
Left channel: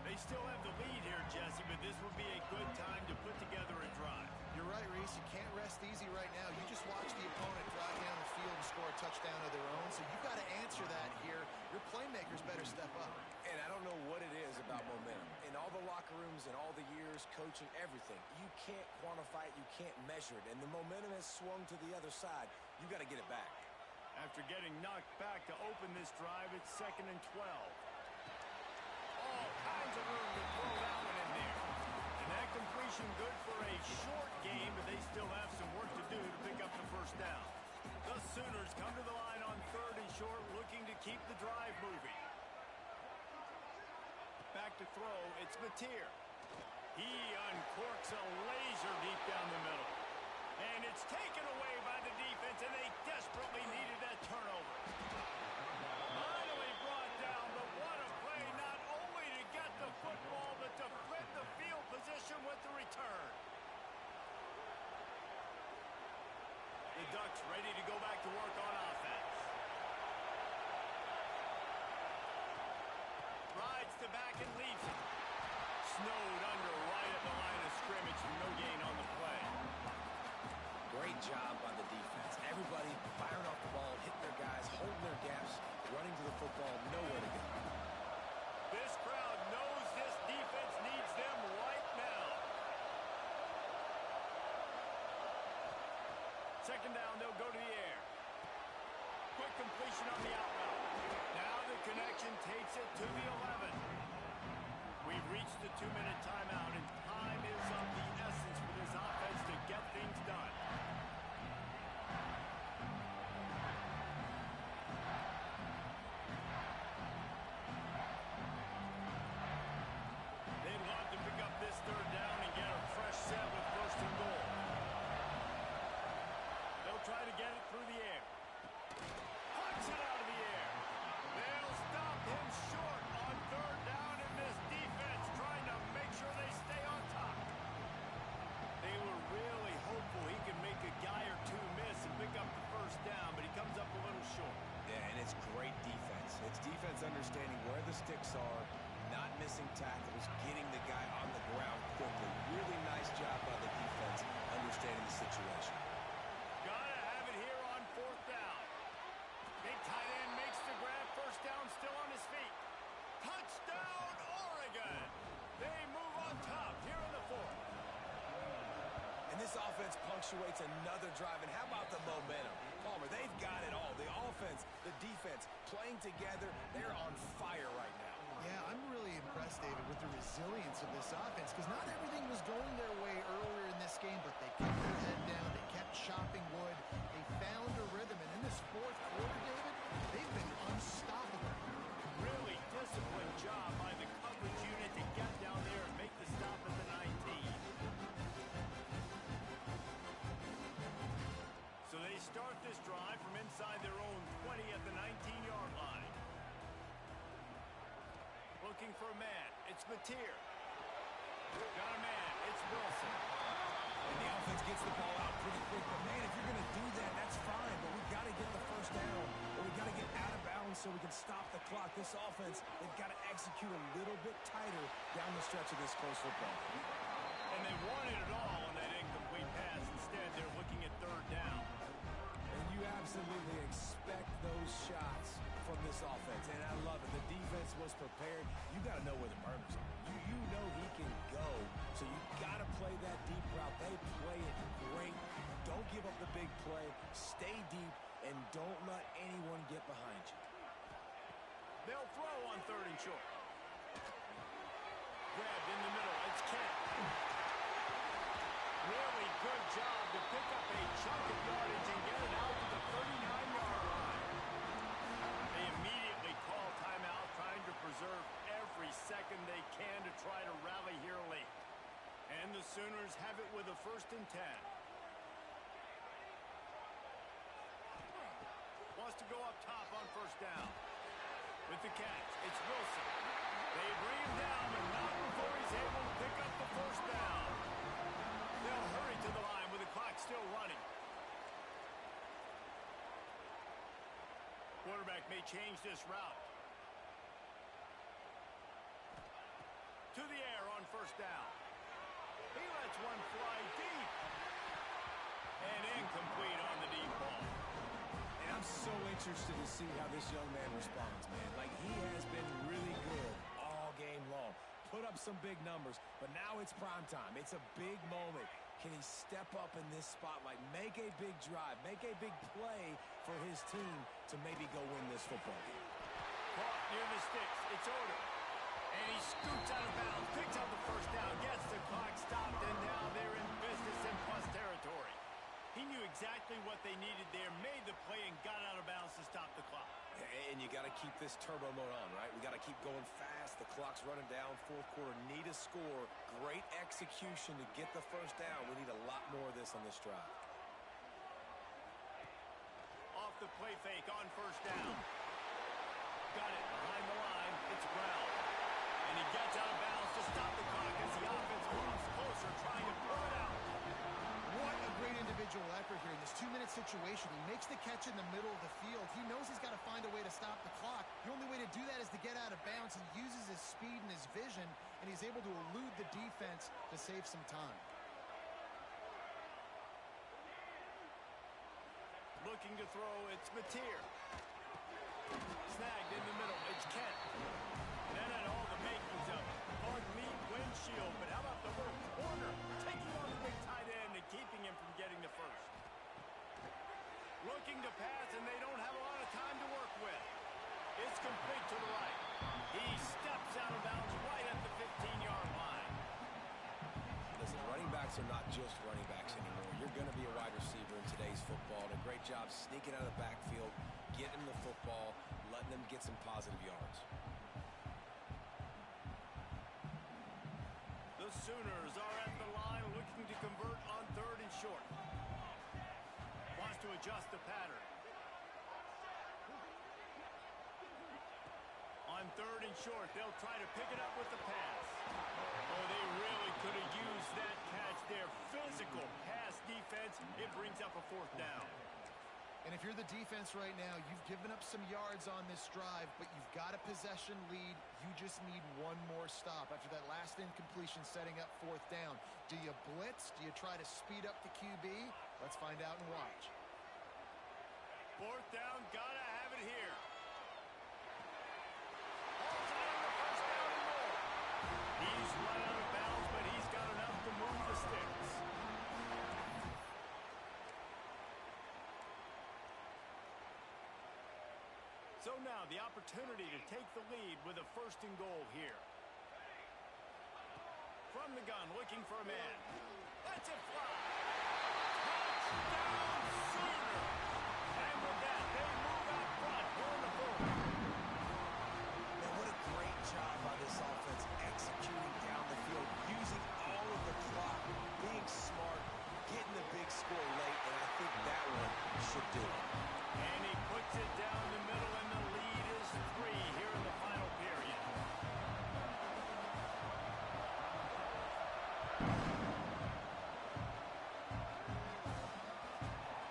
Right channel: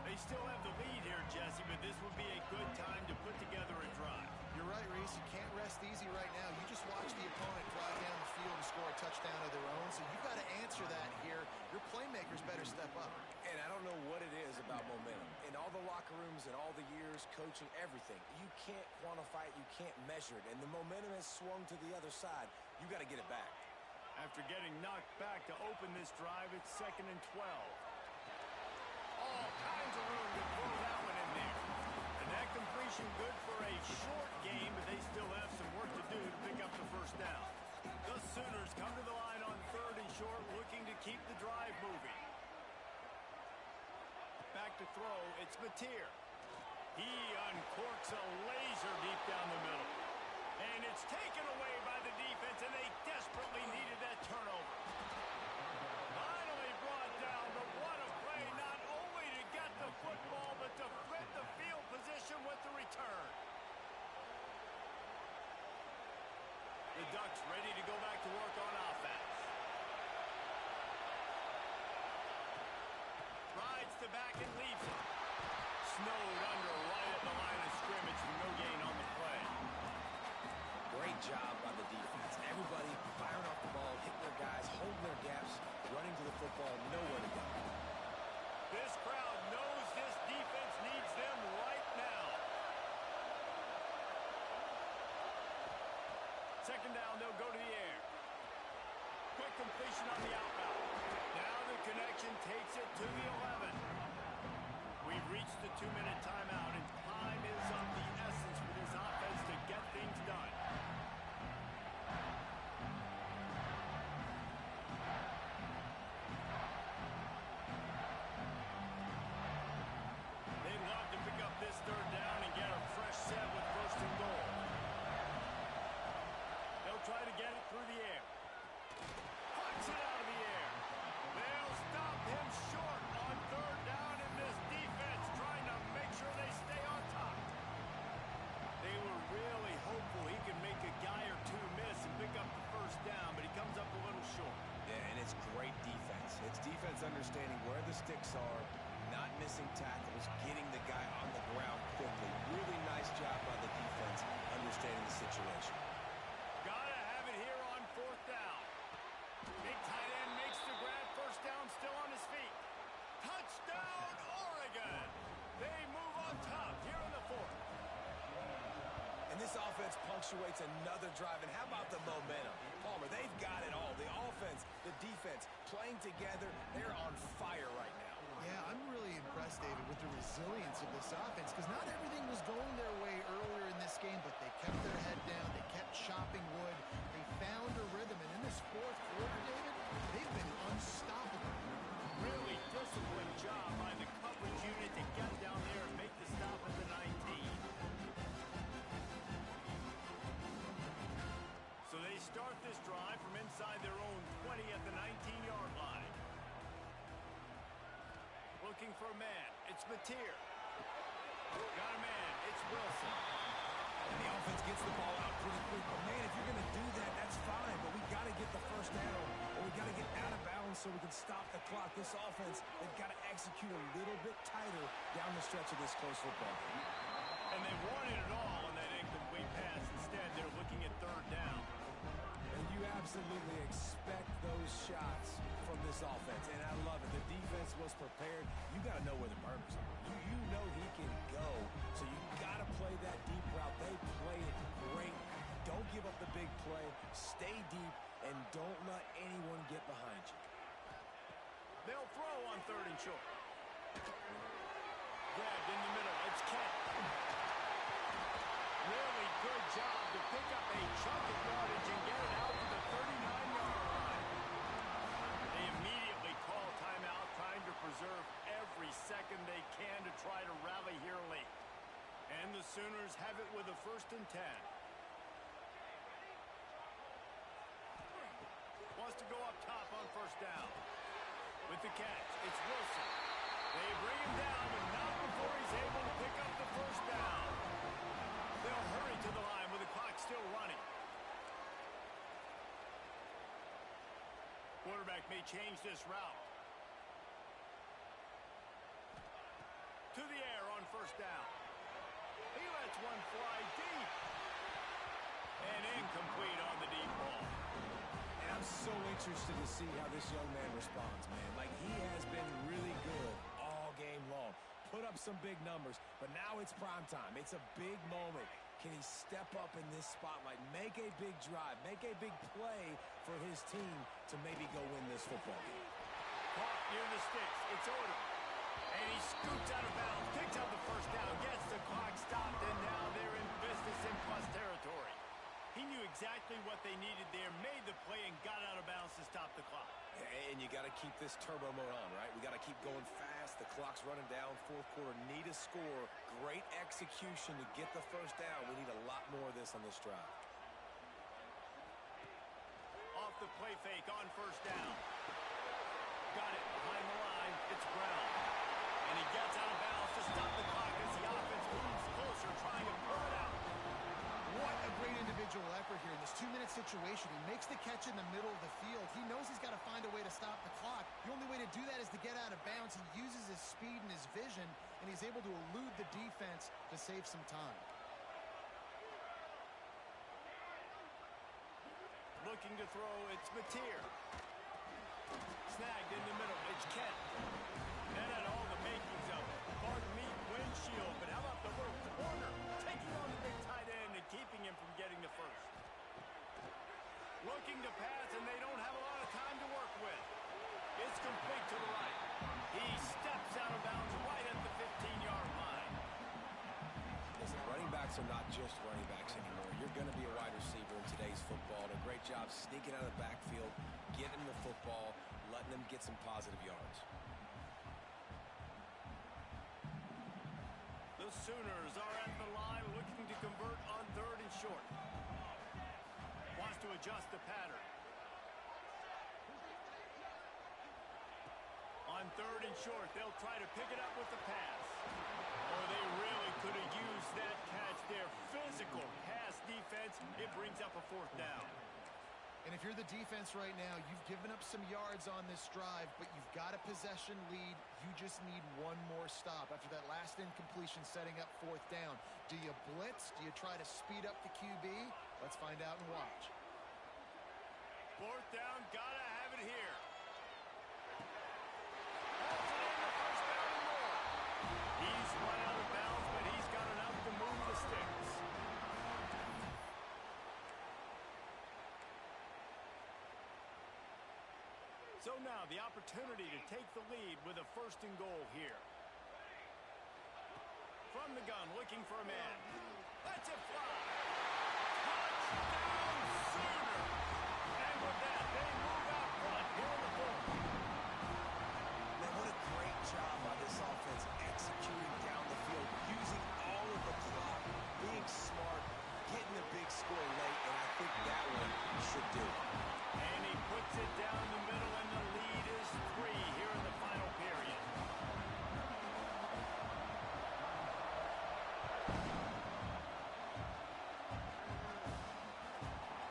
They still have the lead here, Jesse, but this would be a good time to put together a drive. You're right, Reese. You can't rest easy right now. You just watch the opponent drive down the field and score a touchdown of their own, so you've got to answer that here. Your playmakers better step up. And I don't know what it is about momentum. In all the locker rooms and all the years, coaching, everything, you can't quantify it, you can't measure it. And the momentum has swung to the other side. You got to get it back. After getting knocked back to open this drive, it's 2nd and 12. All kinds of room to throw that one in there. And that completion good for a short game, but they still have some work to do to pick up the first down. The Sooners come to the line on 3rd and short, looking to keep the drive moving. Back to throw, it's Mateer. He uncorks a laser deep down the middle. And it's taken away by the defense, and they desperately needed that turnover. return. The Ducks ready to go back to work on offense. Rides to back and leaves it. Snowed under right at the line of scrimmage for no gain on the play. Great job by the defense. Everybody firing off the ball, hitting their guys, holding their gaps, running to the football, nowhere to go. This crowd knows this defense needs them right now. Second down, they'll go to the air. Quick completion on the out route. Now the connection takes it to the 11. We've reached the 2-minute timeout, and time is of the essence for this offense to get things done. They'd love to pick up this third down and get a fresh set with first and goal. They'll try to get it through the air. Pucks it out of the air. They'll stop him short on third down, and this defense trying to make sure they stay on top. They were really hopeful he could make a guy or two miss and pick up the first down, but he comes up a little short. Yeah, and it's great defense. It's defense understanding where the sticks are, not missing tackles, getting the guy on the ground quickly. Really nice job by the defense understanding the situation. Gotta have it here on fourth down. Big tight end makes the grab. First down, still on his feet. Touchdown, Oregon! They move on top here in the fourth. And this offense punctuates another drive. And how about the momentum? Palmer, they've got it all. The offense, the defense, playing together. They're on fire right now. Yeah, I'm really impressed, David, with the resilience of this offense, because not everything was going their way earlier in this game, but they kept their head down. They kept chopping wood. They found a rhythm. And in this fourth quarter, David, they've been unstoppable. Really disciplined job by the coverage unit to get down there and make the stop at the 19. So they start this drive from inside their own 20 at the 19-yard line. Looking for a man. It's Mateer. Got a man. It's Wilson. And the offense gets the ball out pretty quick. But, man, if you're going to do that, that's fine. But we got to get the first down, or we got to get out of bounds so we can stop the clock. This offense, they've got to execute a little bit tighter down the stretch of this close football game. And they wanted it all on that incomplete pass. Instead, they're looking at third down. And you absolutely expect those shots from this offense, and I love it. The defense was prepared. You got to know where the burners are. You know he can go, so you got to play that deep route. They play it great. Don't give up the big play. Stay deep, and don't let anyone get behind you. They'll throw on third and short. Grabbed in the middle. It's Kent. Really good job to pick up a chunk of yardage and get it out to the 39-yard line. They immediately call timeout, trying to preserve every second they can to try to rally here late. And the Sooners have it with a 1st and 10. Wants to go up top on first down. With the catch, it's Wilson. They bring him down, but not before he's able to pick up the first down. They'll hurry to the line with the clock still running. Quarterback may change this route. To the air on first down. He lets one fly deep. And incomplete on the deep ball. And I'm so interested to see how this young man responds, man. Like, he has been really good all game long. Put up some big numbers, but now it's prime time. It's a big moment. Can he step up in this spotlight, make a big drive, make a big play for his team to maybe go win this football game? Caught near the sticks. It's Odom. And he scoots out of bounds, picks up the first down, gets the clock stopped, and now they're in business in plus territory. He knew exactly what they needed there, made the play, and got out of bounds to stop the clock. And you got to keep this turbo mode on, right? We got to keep going fast. The clock's running down. Fourth quarter, need a score. Great execution to get the first down. We need a lot more of this on this drive. Off the play fake on first down. Got it behind the line. It's Brown. And he gets out of bounds to stop the clock as the offense moves closer, trying to pull it out. What a great individual effort here in this 2-minute situation. He makes the catch in the middle of the field. He knows he's got to find a way to stop the clock. The only way to do that is to get out of bounds. He uses his speed and his vision, and he's able to elude the defense to save some time. Looking to throw, it's Mateer. Snagged in the middle, it's Kent. That had all the makings of it. Hard meat windshield, but how about the little corner? Taking on the big tight end and keeping him from getting the first. Looking to pass, and they don't have a lot of time to work with. It's complete to the right. He steps out of bounds right at the 15-yard line. Listen, running backs are not just running backs anymore. You're going to be a wide receiver in today's football. And a great job sneaking out of the backfield, getting the football, letting them get some positive yards. The Sooners are at the line looking to convert on 3rd and short. Wants to adjust the pattern. On 3rd and short, they'll try to pick it up with the pass. Oh, they really could have used that catch there. Physical pass defense. It brings up a 4th down. And if you're the defense right now, you've given up some yards on this drive, but you've got a possession lead. You just need one more stop after that last incompletion setting up 4th down. Do you blitz? Do you try to speed up the QB? Let's find out and watch. 4th down, gotta have it here. Holds it in the 1st down and more. He's run out of bounds, but he's got enough to move the sticks. So now the opportunity to take the lead with a 1st and goal here. From the gun, looking for a man. Lets it fly. Touchdown Sooners! And with that, they move out front here in the 4th. Man, what a great job by this offense executing down the field, using all of the clock, being smart, getting the big score late, and I think that one should do it. And he puts it down the middle, and the lead is 3 here in the final period.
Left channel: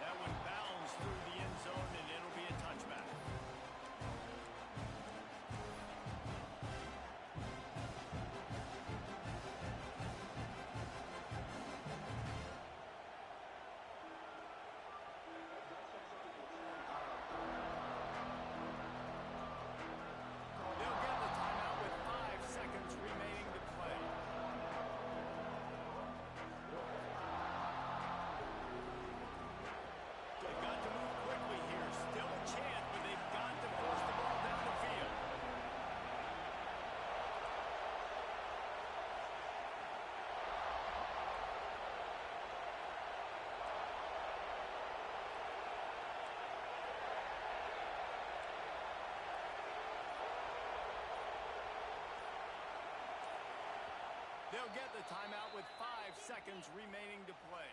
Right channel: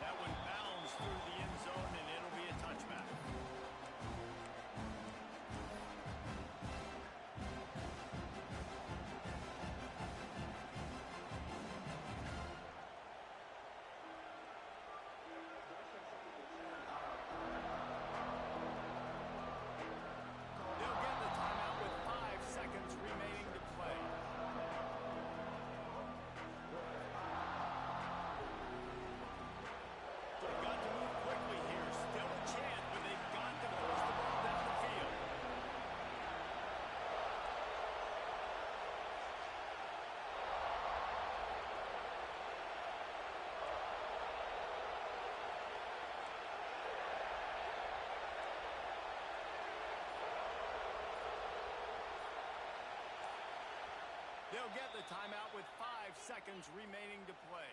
That one bounds through the end zone, and it'll be a touchback. They'll get the timeout with 5 seconds remaining to play. They've got to move quickly here. Still a chance, but they've got to force the ball down the field. They'll get the timeout with 5 seconds remaining to play.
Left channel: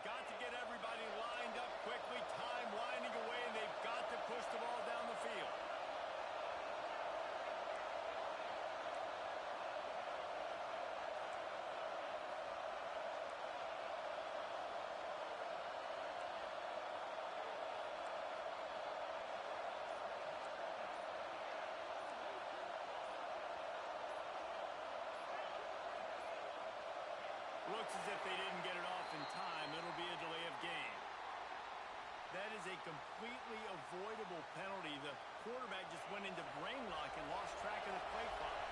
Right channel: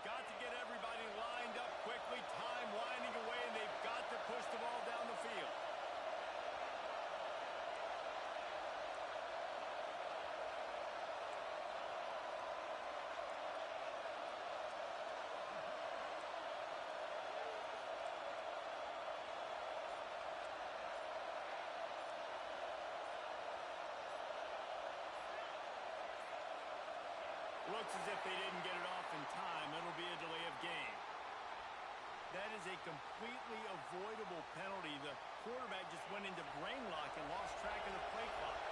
Got to get everybody lined up quickly. Time winding away, and they've got to push the ball down the field. Looks as if they didn't get it off in time. It'll be a delay of game. That is a completely avoidable penalty. The quarterback just went into brain lock and lost track of the play clock.